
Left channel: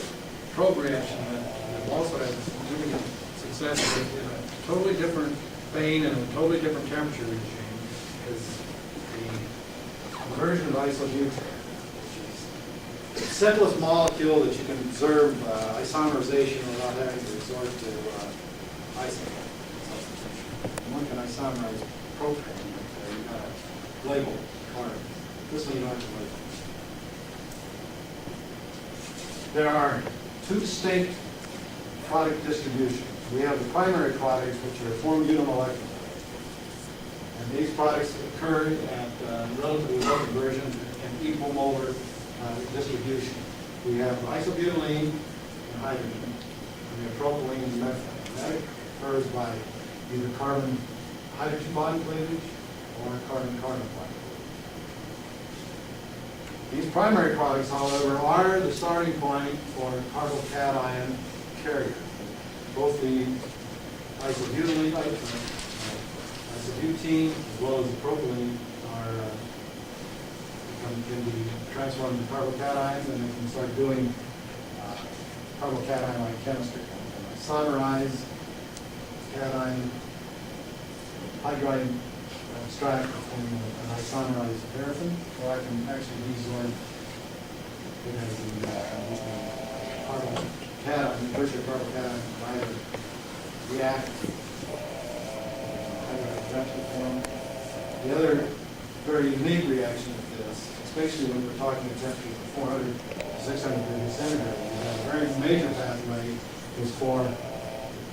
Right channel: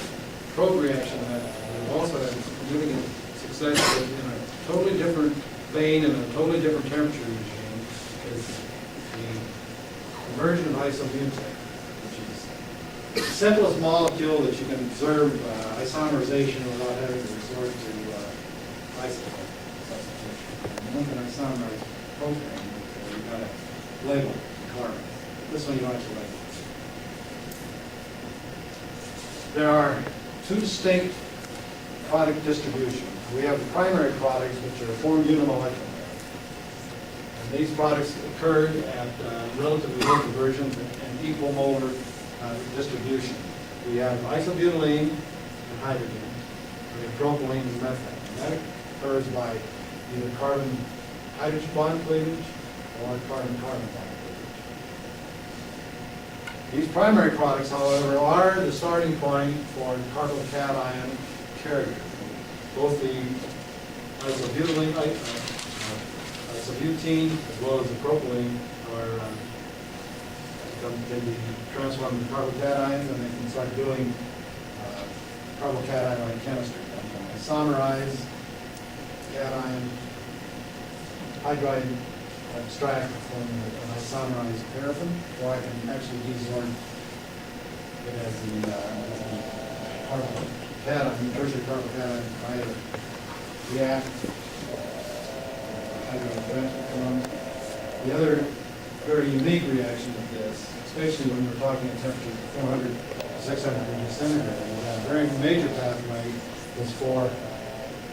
probe reaction that we've also had significant success with in a totally different vein and a totally different temperature regime is the conversion of isobutane, which is the simplest molecule that you can observe isomerization without having to resort to isotope substitution. One can isomerize propane, but you've got to label the carbon. This one you don't have to label. There are two distinct product distributions. We have the primary products, which are formed unimolecularly. And these products occur at relatively low conversions and equal molar distribution. We have isobutylene and hydrogen. And we have propylene and methane. And that occurs by either carbon-hydrogen bond cleavage or carbon-carbon bond cleavage. These primary products, however, are the starting point for carbocation carriers. Both the isobutylene, isobutene, as well as the propylene, can be transformed into carbocations, and they can start doing carbocation-like chemistry. Isomerize cation hydride extract to form an isomerized paraffin, or I can actually desorb it as the carbocation, tertiary carbocation, and either react hydrogen transfer form. The other very unique reaction of this, especially when we're talking at temperatures of 400 to 600 degrees centigrade, is that a very major pathway is for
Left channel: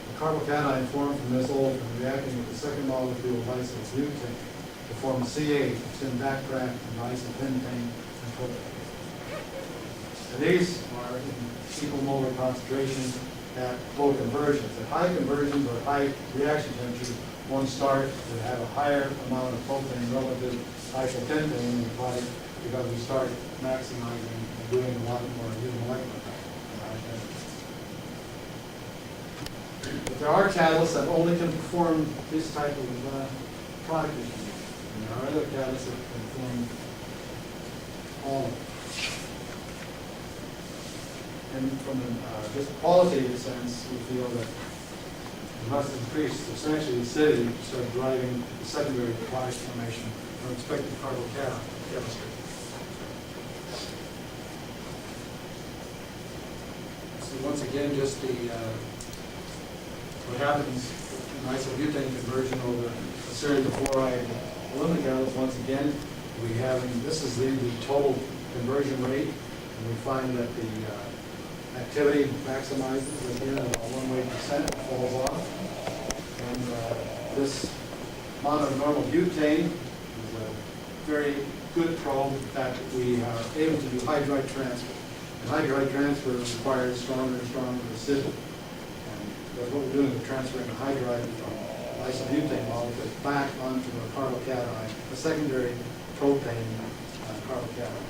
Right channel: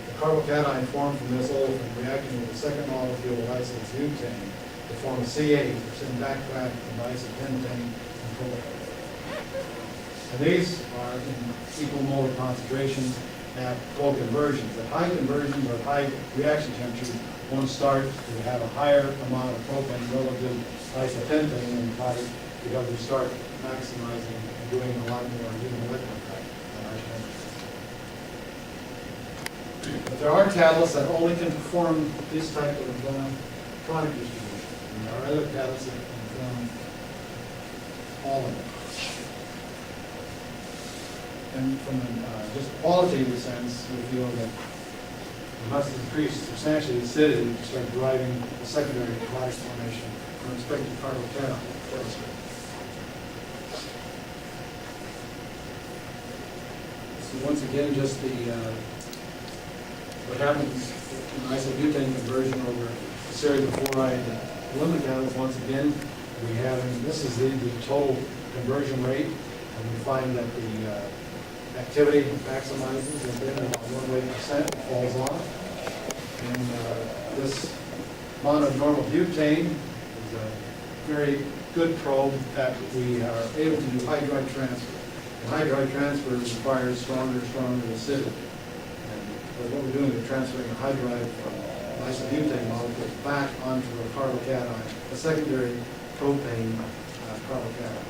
the carbocation formed from this olefin reacting with the second molecule of isobutane to form a CH, which then backtrack from isopentane and propylene. And these are in equal molar concentration at low conversions. At high conversions or high reaction temperatures, one starts to have a higher amount of propane relative to isopentane in the product because we start maximizing and doing a lot more unimolecular practice at high temperatures. But there are catalysts that only can perform this type of product distribution. And there are other catalysts that can form all of them. And from just a qualitative sense, we feel that we must increase substantially the acidity to start driving the secondary product formation from expected carbocation chemistry. So once again, just what happens in isobutane conversion over a series of fluoride aluminum catalysts. Once again, we have, and this is the total conversion rate, and we find that the activity maximizes and then about 1% falls off. And this mononormal butane is a very good probe that we are able to do hydride transfer. And hydride transfer requires stronger and stronger acidity. And what we're doing is transferring a hydride from an isobutane molecule back onto a carbocation, a secondary propane carbocation.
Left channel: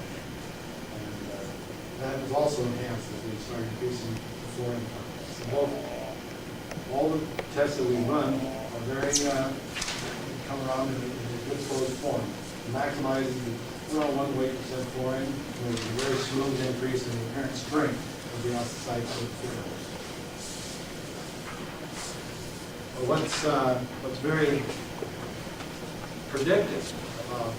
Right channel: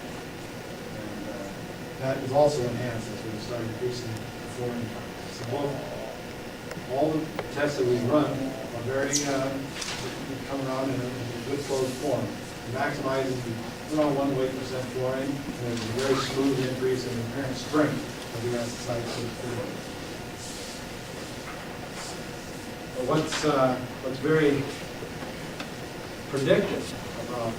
That is also enhanced as we start increasing the fluorine content. So all the tests that we run are very, come around in a good closed form, maximizing the 1.8% fluorine, and there's a very smooth increase in the apparent strength of the acid fluoride. What's very predictive about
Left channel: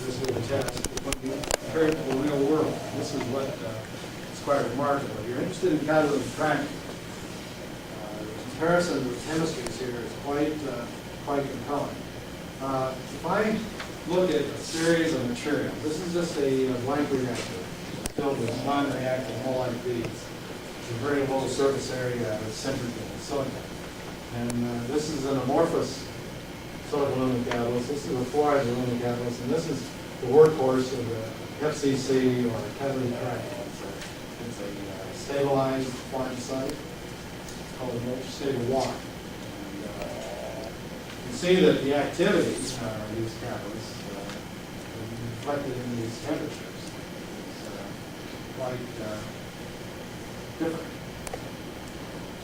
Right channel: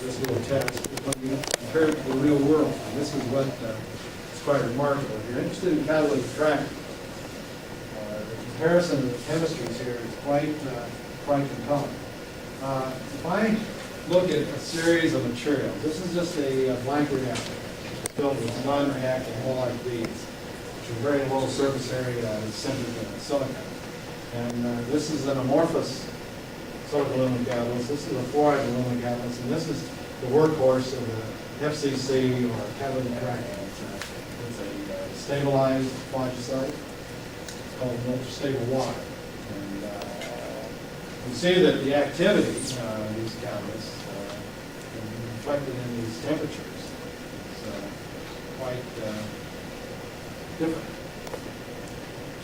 this little test is when you compare it to the real world. And this is what quite remarkable. If you're interested in catalytic cracking, the comparison of the chemistries here is quite compelling. If I look at a series of materials, this is just a blank reactor filled with non-reactive mullite beads, which are very low surface area is centered in silica. And this is an amorphous silica aluminum catalyst. This is a fluoride aluminum catalyst, and this is the workhorse of the FCC or catalytic cracking. It's a stabilized phlogisite called ultra-stable water. And you see that the activity of these catalysts is reflected in these temperatures. It's quite different.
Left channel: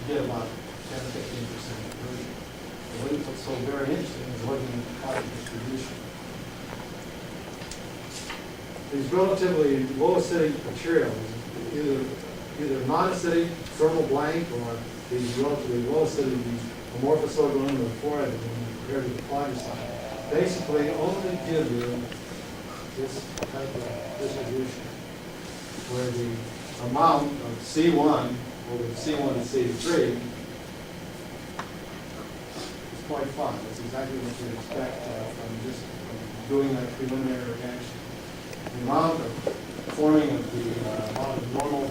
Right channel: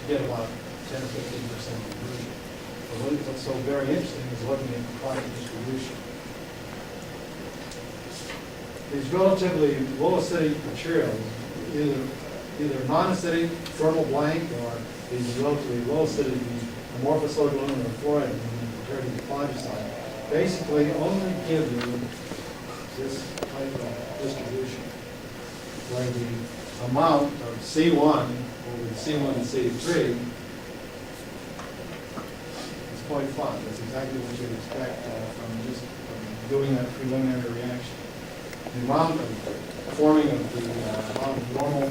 You get about 10 or 15% conversion. But what's so very interesting is looking at the product distribution. These relatively low acidic materials, either non-acidic thermal blank or these relatively low acidic, these amorphous silica aluminum or fluoride aluminum compared to the phlogisite, basically only give you this type of distribution, where the amount of C1 over C1 to C3 is 0.5. That's exactly what you'd expect from doing that preliminary reaction. The amount of forming of the amount of normal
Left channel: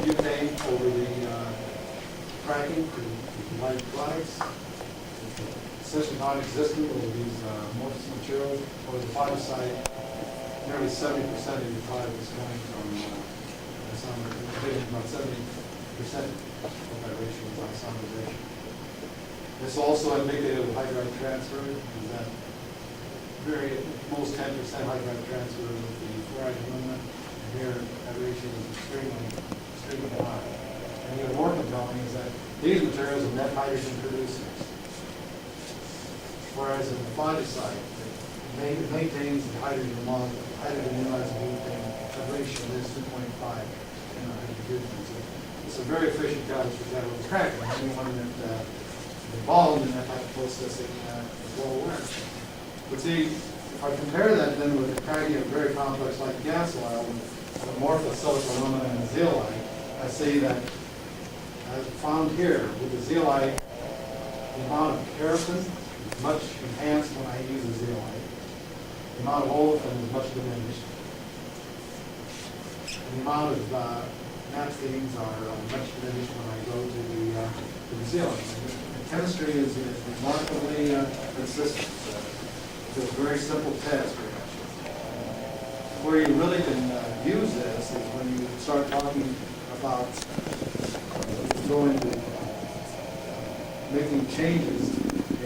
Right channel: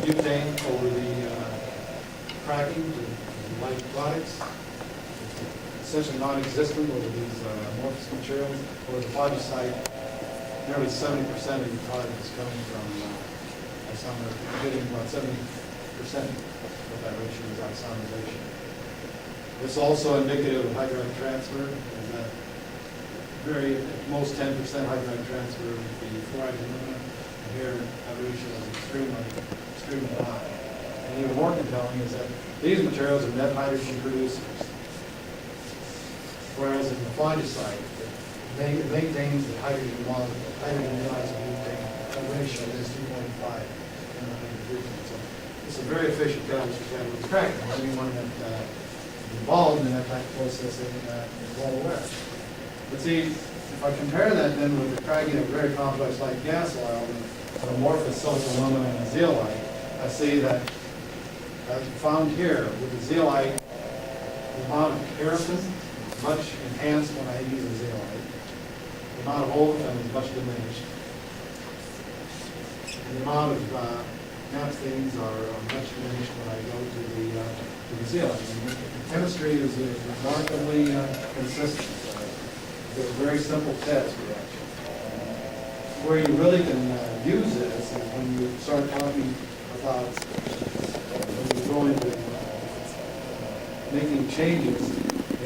butane over the cracking to light products is essentially non-existent over these amorphous materials. Over the phlogisite, nearly 70% of your product is coming from isomerization. We're getting about 70% of that ratio is isomerization. It's also indicative of hydride transfer, is that very, at most 10% hydride transfer with the fluoride aluminum, and here that ratio is extremely high. And even more compelling is that these materials are net hydrogen producers, whereas in the phlogisite, it maintains the hydrogen ionized butane. That ratio is 2.5 in the hydrogen butane. So it's a very efficient catalyst for catalytic cracking. Anyone that is involved in that type of processing is well aware. But see, if I compare that then with the cracking of very complex like gas oil with an amorphous silica aluminum and a zeolite, I see that as found here with the zeolite, the amount of paraffin is much enhanced when I use a zeolite. The amount of olefin is much diminished. And the amount of naphthenes are much diminished when I go to the zeolite. And the chemistry is remarkably consistent. It's a very simple test reaction. And where you really can use this is when you start talking about when you go into making changes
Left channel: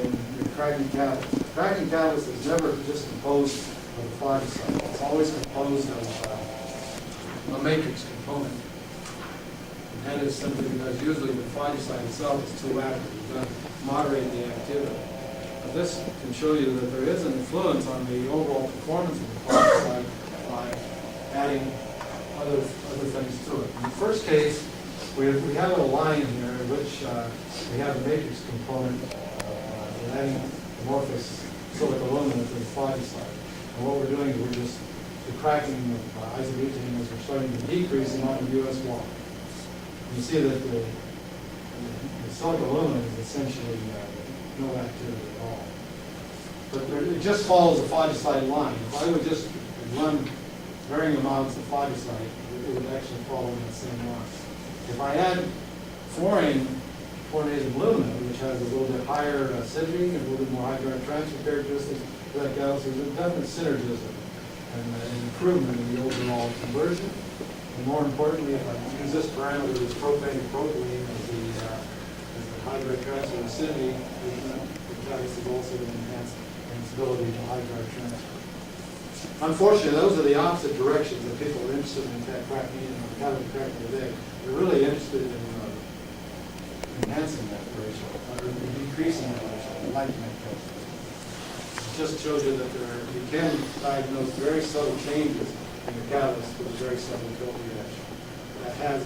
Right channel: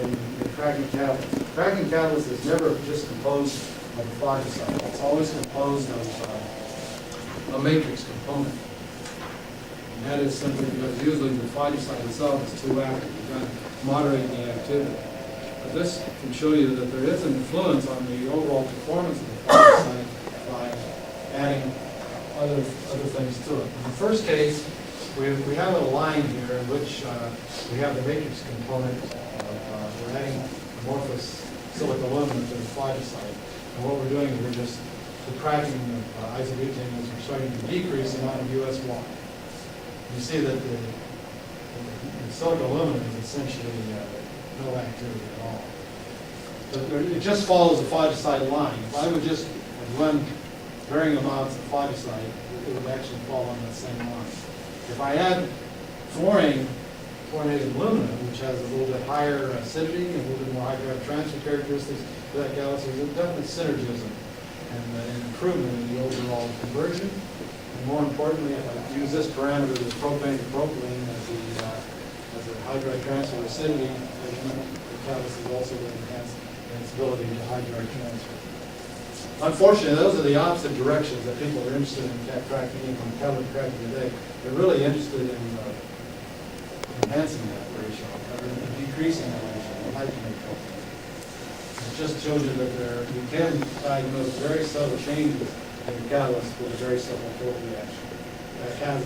in the cracking catalyst. The cracking catalyst is never just composed of a phlogisite. It's always composed of a matrix component. And that is simply because usually the phlogisite itself is too active. You've got to moderate the activity. But this can show you that there is an influence on the overall performance of the phlogisite by adding other things to it. In the first case, we have a line here in which we have the matrix component of we're adding amorphous silica aluminum to the phlogisite. And what we're doing is we're just the cracking of isobutane is we're starting to decrease the amount of US water. You see that the silica aluminum is essentially no activity at all. But it just follows the phlogisite line. If I would just run varying amounts of phlogisite, it would actually follow on that same line. If I add fluorinated aluminum, which has a little bit higher acidity and a little bit more hydride transfer characteristics to that gas, there's a definite synergism and an improvement in the overall conversion. And more importantly, if I use this parameter as propane to propylene as the hydride transfer acidity measurement, the catalyst is also enhanced in its ability to hydride transfer. Unfortunately, those are the opposite directions that people are interested in cracking and catalytic cracking today. They're really interested in enhancing that ratio, or decreasing that ratio. They like to make propane. It just shows you that you can diagnose very subtle changes in the catalyst with a very subtle tilt reaction. That has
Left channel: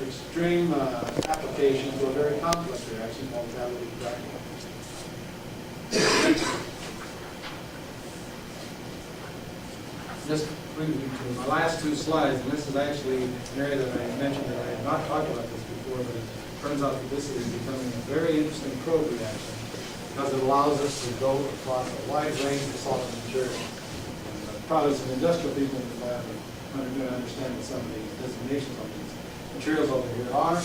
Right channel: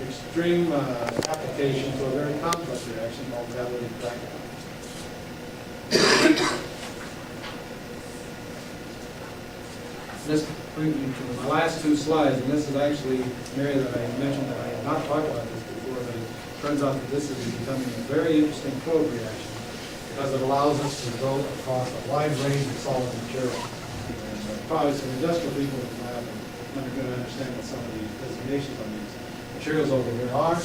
extreme application to a very complex reaction called catalytic cracking. this brings me to my last two slides, and this is actually an area that I mentioned that I had not talked about this before, but it turns out that this is becoming a very interesting probe reaction because it allows us to go across a wide range of solid materials. And probably some industrial people in the lab are going to understand what some of the designations on these materials over here are.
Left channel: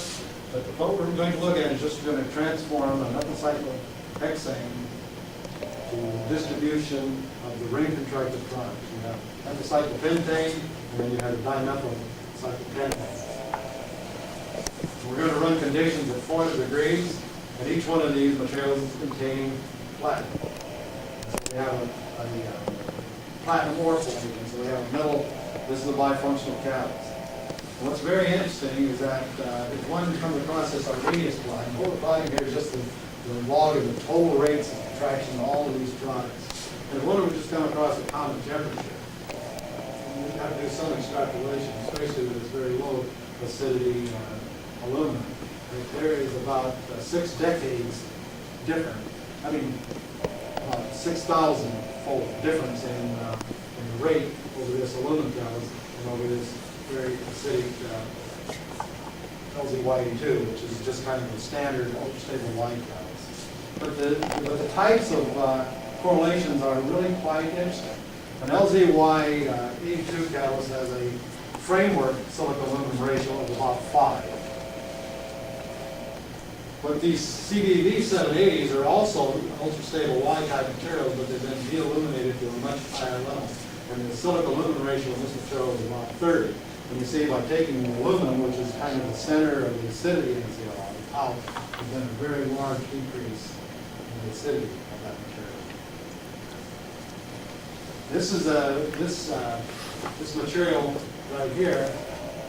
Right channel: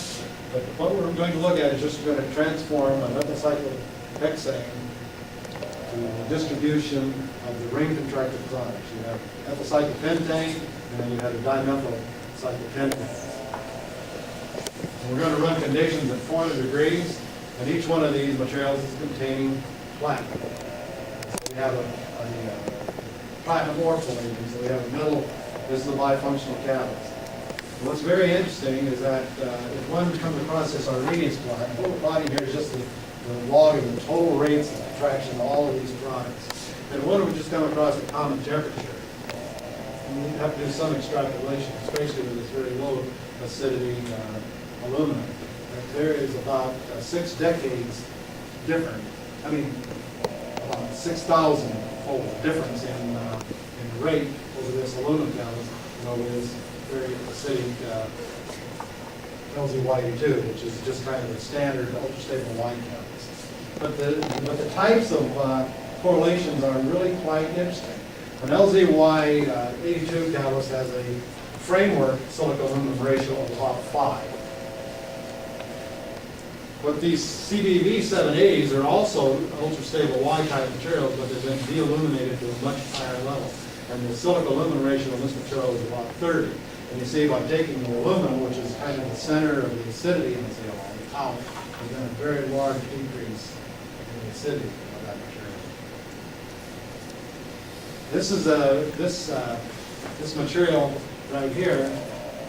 But what we're going to look at is just going to transform a methylcyclohexane to the distribution of the ring contracted products. You have methylcyclopentane, and then you have the dimethylcyclopentane. And we're going to run conditions at 400 degrees, and each one of these materials is containing platinum. So we have a platinum ore plate, and so we have a metal. This is a bifunctional catalyst. And what's very interesting is that if one comes across this Arrhenius plot, and what we're plotting here is just the log of the total rates of contraction of all of these products. And what if we just come across a common temperature? We have to do some extrapolation, especially with this very low acidity aluminum. But there is about 6 decades different, I mean, about 6,000-fold difference in the rate over this aluminum catalyst and over this very acidic LZ-YE2, which is just kind of a standard ultra-stable light catalyst. But the types of correlations are really quite interesting. An LZ-Y82 catalyst has a framework silica-aluminum ratio of about 5. But these CBV780s are also ultra-stable Y-type materials, but they've been de-illuminated to a much higher level. And the silica-aluminum ratio in this material is about 30. And you see by taking the aluminum, which is kind of the center of the acidity in the zeolite, out, there's been a very large decrease in the acidity of that material. This is this material right here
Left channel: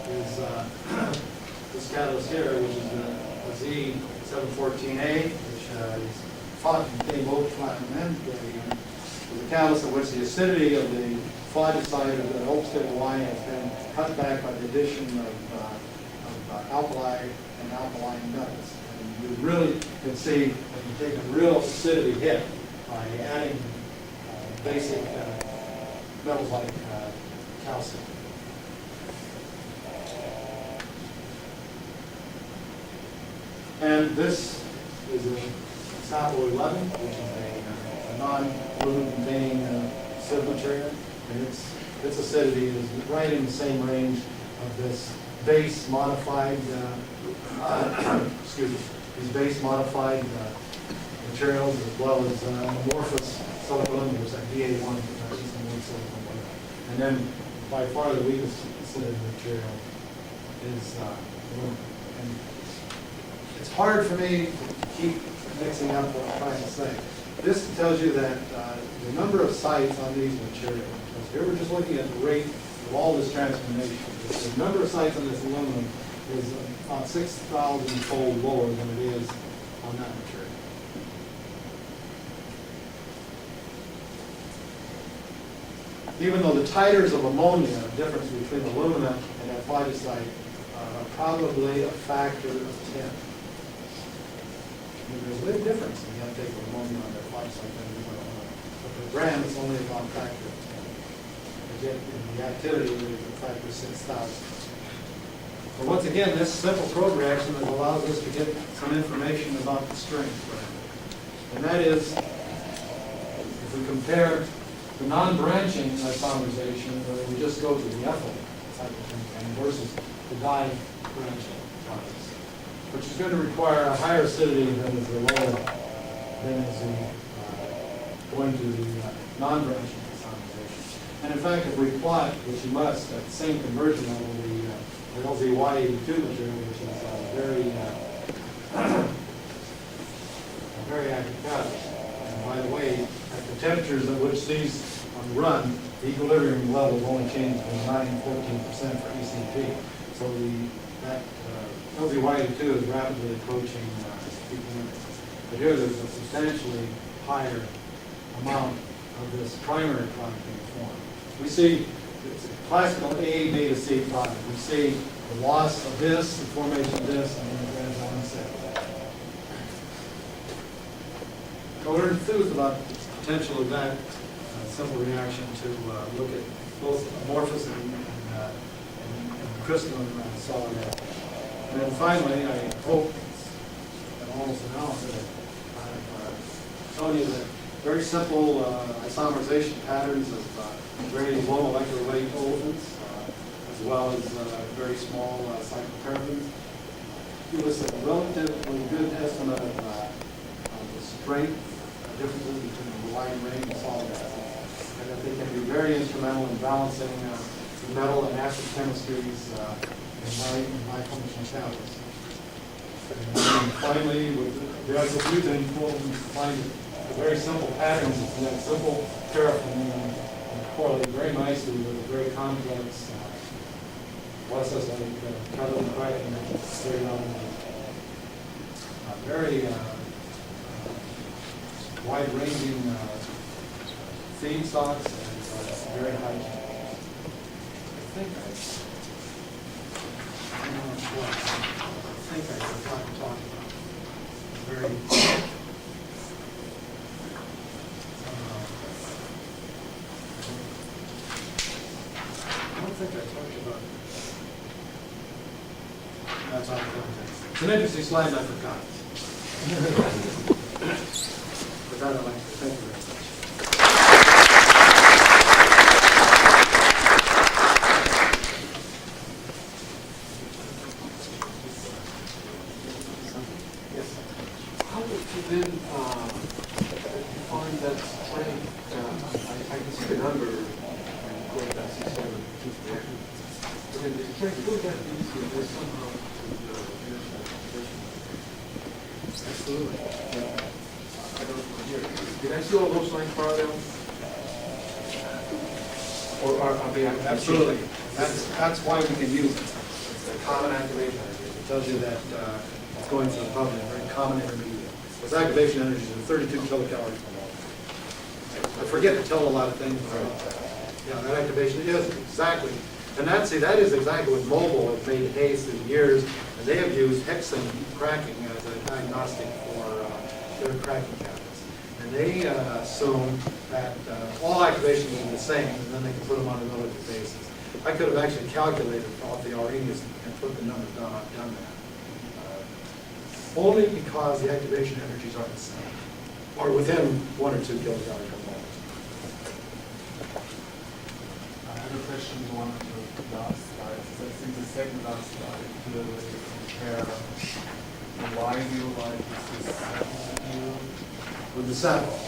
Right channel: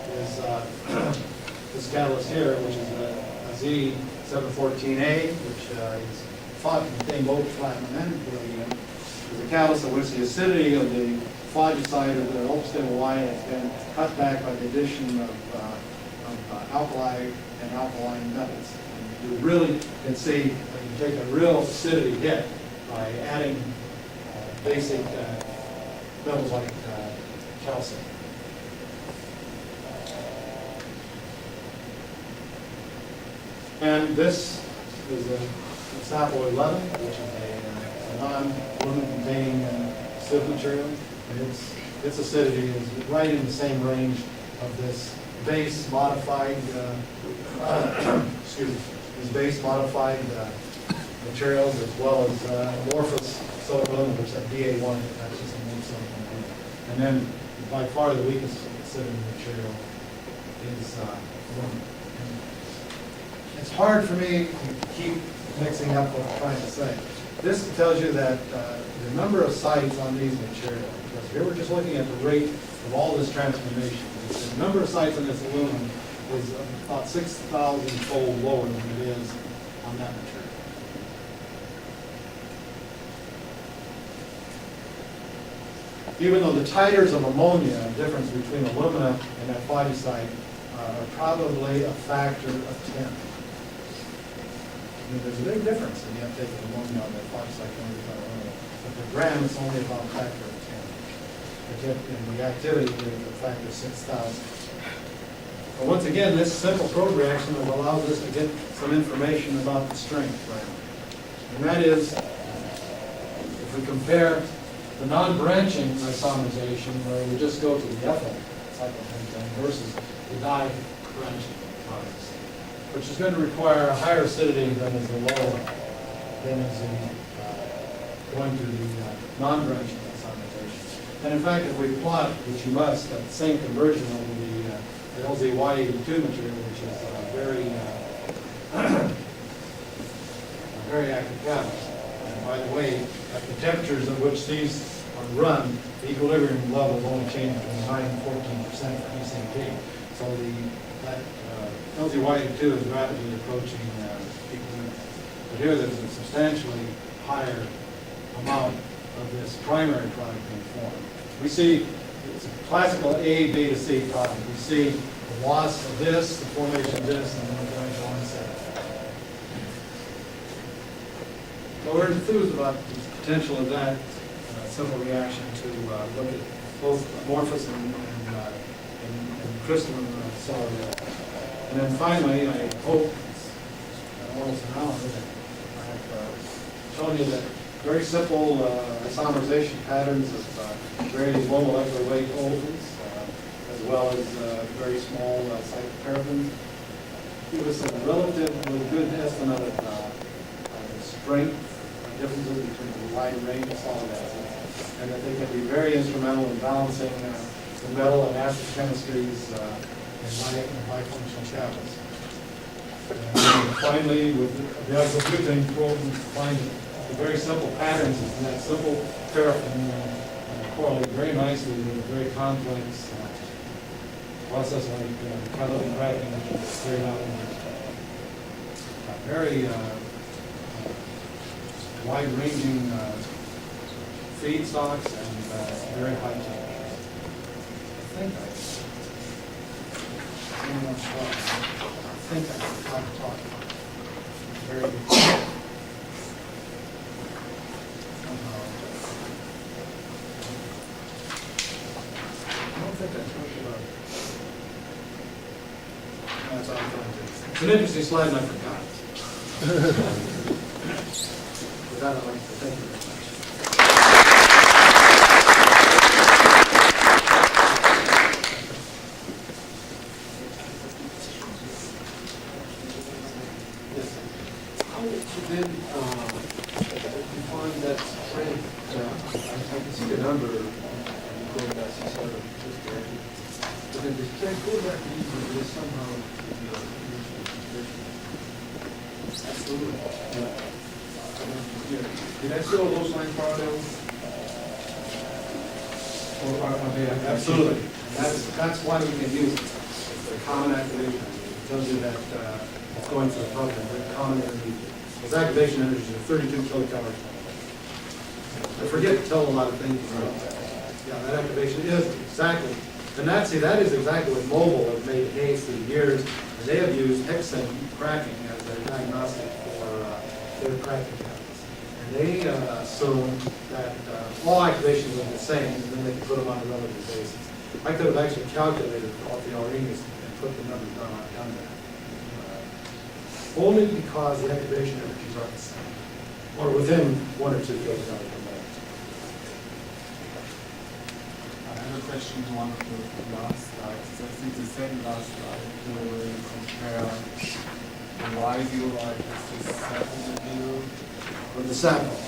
is this catalyst here, which is a Z714A, which is thought to contain both platinum and palladium. Is a catalyst in which the acidity of the phlogisite or the ultra-stable Y has been cut back by the addition of alkali and alkaline metals. And you really can see that you take a real acidity hit by adding basic metals like calcium. And this is a Sapo 11, which is a non-aluminum containing sieve material. And its acidity is right in the same range of this base modified, these base modified materials, as well as amorphous silica aluminum, which is that Da1, actually some more silicon aluminum. And then by far the weakest acidity material is aluminum. And it's hard for me to keep mixing up what I'm trying to say. This tells you that the number of sites on these materials, because here we're just looking at the rate of all this transformation. The number of sites on this aluminum is about 6,000-fold lower than it is on that material. Even though the titers of ammonia, the difference between alumina and that phlogisite, are probably a factor of 10. I mean, there's a big difference if you have to take ammonia on that phlogisite than aluminum. But per gram, it's only about a factor of 10. But yet, in the activity, it's a factor of 6,000. But once again, this simple probe reaction allows us to get some information about the strength parameter. And that is, if we compare the non-branching isomerization, where we just go to the ethyl cyclopentane versus the di-branching products, which is going to require a higher acidity than is the going to the non-branching isomerization. And in fact, if we plot, which you must, at the same conversion level, the LZ-Y82 material, which is a very active catalyst. And by the way, at the temperatures at which these are run, the equilibrium levels only change between 9 and 14% for ECP. So that LZ-Y82 is rapidly approaching equilibrium. But here there's a substantially higher amount of this primary product being formed. We see it's a classical A, beta, C product. We see the loss of this, the formation of this, and then the gradual onset of that. So we're enthused about the potential of that simple reaction to look at both amorphous and crystalline solid acid. And then finally, I hope, it's almost an hour that I have shown you that very simple isomerization patterns of very low molecular weight olefins, as well as very small cycloparaffin, give us a relatively good estimate of the strength differences between a wide range of solid acids, and that they can be very instrumental in balancing the metal and acid chemistries in bifunctional catalysts. And then finally, with the isobutane probe, we find the very simple patterns in that simple paraffin correlate very nicely with a very complex process like catalytic cracking, which will straight out into very wide-ranging feedstocks and very high temperatures. I think I forgot to talk about it. Very somehow. I don't think I talked about it. That's all I'm telling you. It's an interesting slide and I forgot it. With that, I'd like to say thank you very much. Yes. How would you then define that strength? I can see the number, and you call that 650. But then the strength, would that be easy somehow to be a dimensional expression? Absolutely. Can I see all those lines parallel? Or are they? Absolutely. And that's why we can use it. It's a common activation energy. It tells you that it's going through the pump in a very common intermediate. Those activation energies are 32 kilocalories per mole. I forget to tell a lot of things. Yeah, that activation is exactly. And that is exactly what Mobil has made haste through the years. And they have used hexane cracking as a diagnostic for their cracking catalyst. And they assume that all activations are the same, and then they can put them on a relative basis. I could have actually calculated off the Arrhenius and put the numbers down. I've done that. Only because the activation energies are the same, or within 1 or 2 kilocalories per mole. I have a question to one of the last slides. I think the second last slide, where you compare the Radial like this sample material. With the sample.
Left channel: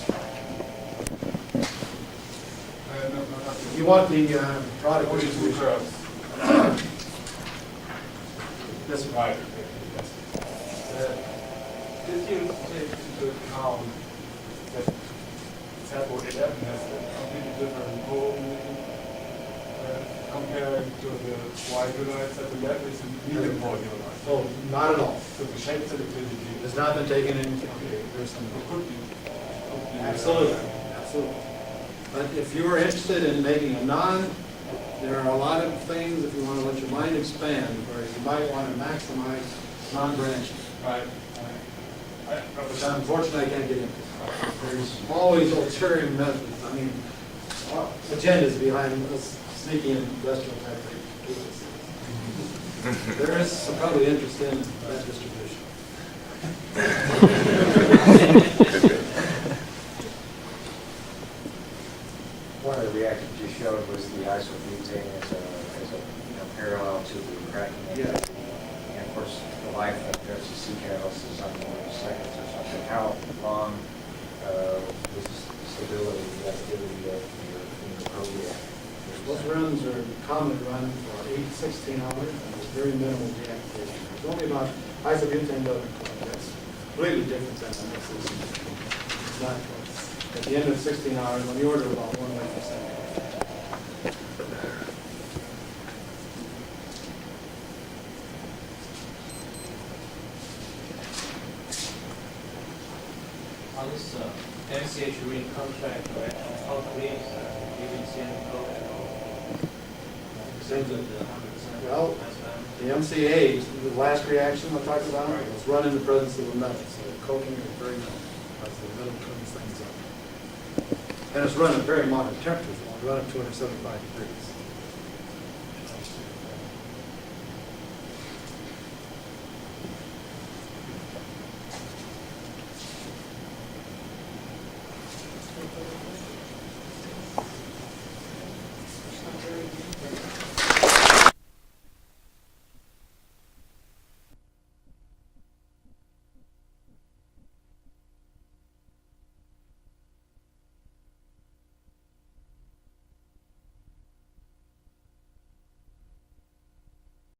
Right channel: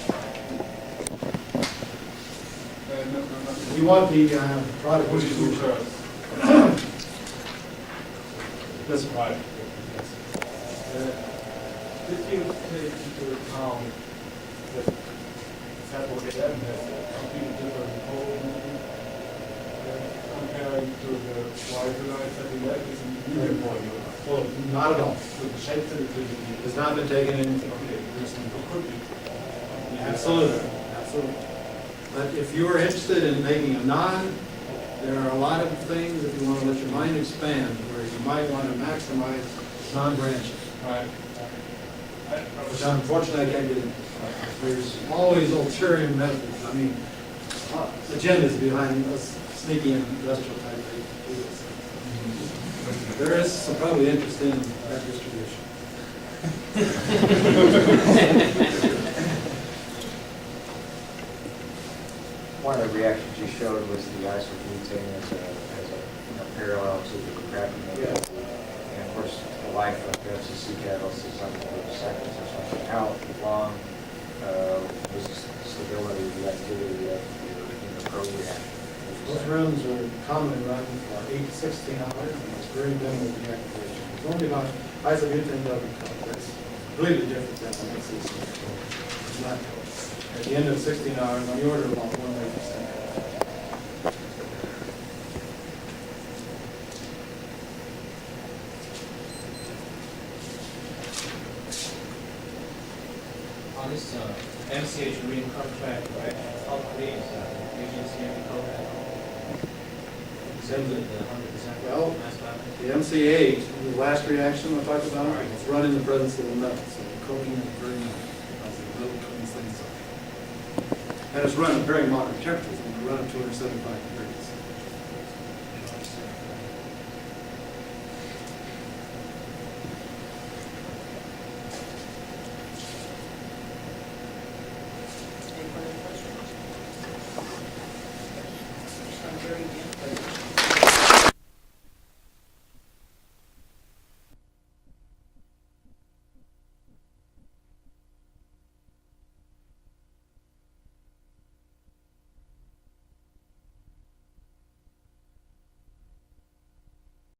No, nothing. You want the product Only two distribution. curves. This one. Right, yes. Did you take into account that sample 11 has a completely different probe comparing to the Radiolite that 11 is a medium Radiolite? Oh, not at all. So the shape selectivity Has not been taken into okay. consideration. It could be. Absolutely, absolutely. But if you are interested in making a there are a lot of things, if you want to let your mind expand, where you might want to maximize non-branching, Right. which unfortunately I can't get into. There's always ulterior methods, agendas behind us sneaky industrial type vehicles. There is some probably interest in that distribution. One of the reactions you showed was the isobutane as a parallel to the cracking activity. And of course, the life of FCC catalyst is on the order of seconds or something. How long was the stability of the activity of your probe reactor? Those runs are commonly run for 8 to 16 hours, and there's very minimal deactivation. There's only about isobutane doesn't coke. That's completely different than the next It's not coke. At the end of 16 hours, on the order of about 1% coke. On this MCH ring contract correction, how clean is that? You didn't see any code at all? Except with the 100% Well, mass balance? the MCA, the last reaction I talked about, Right. was run in the presence of a metal, so the coking is very minimal, as the metal cleans things up. And it's run at very moderate temperatures, when we run at 275 degrees.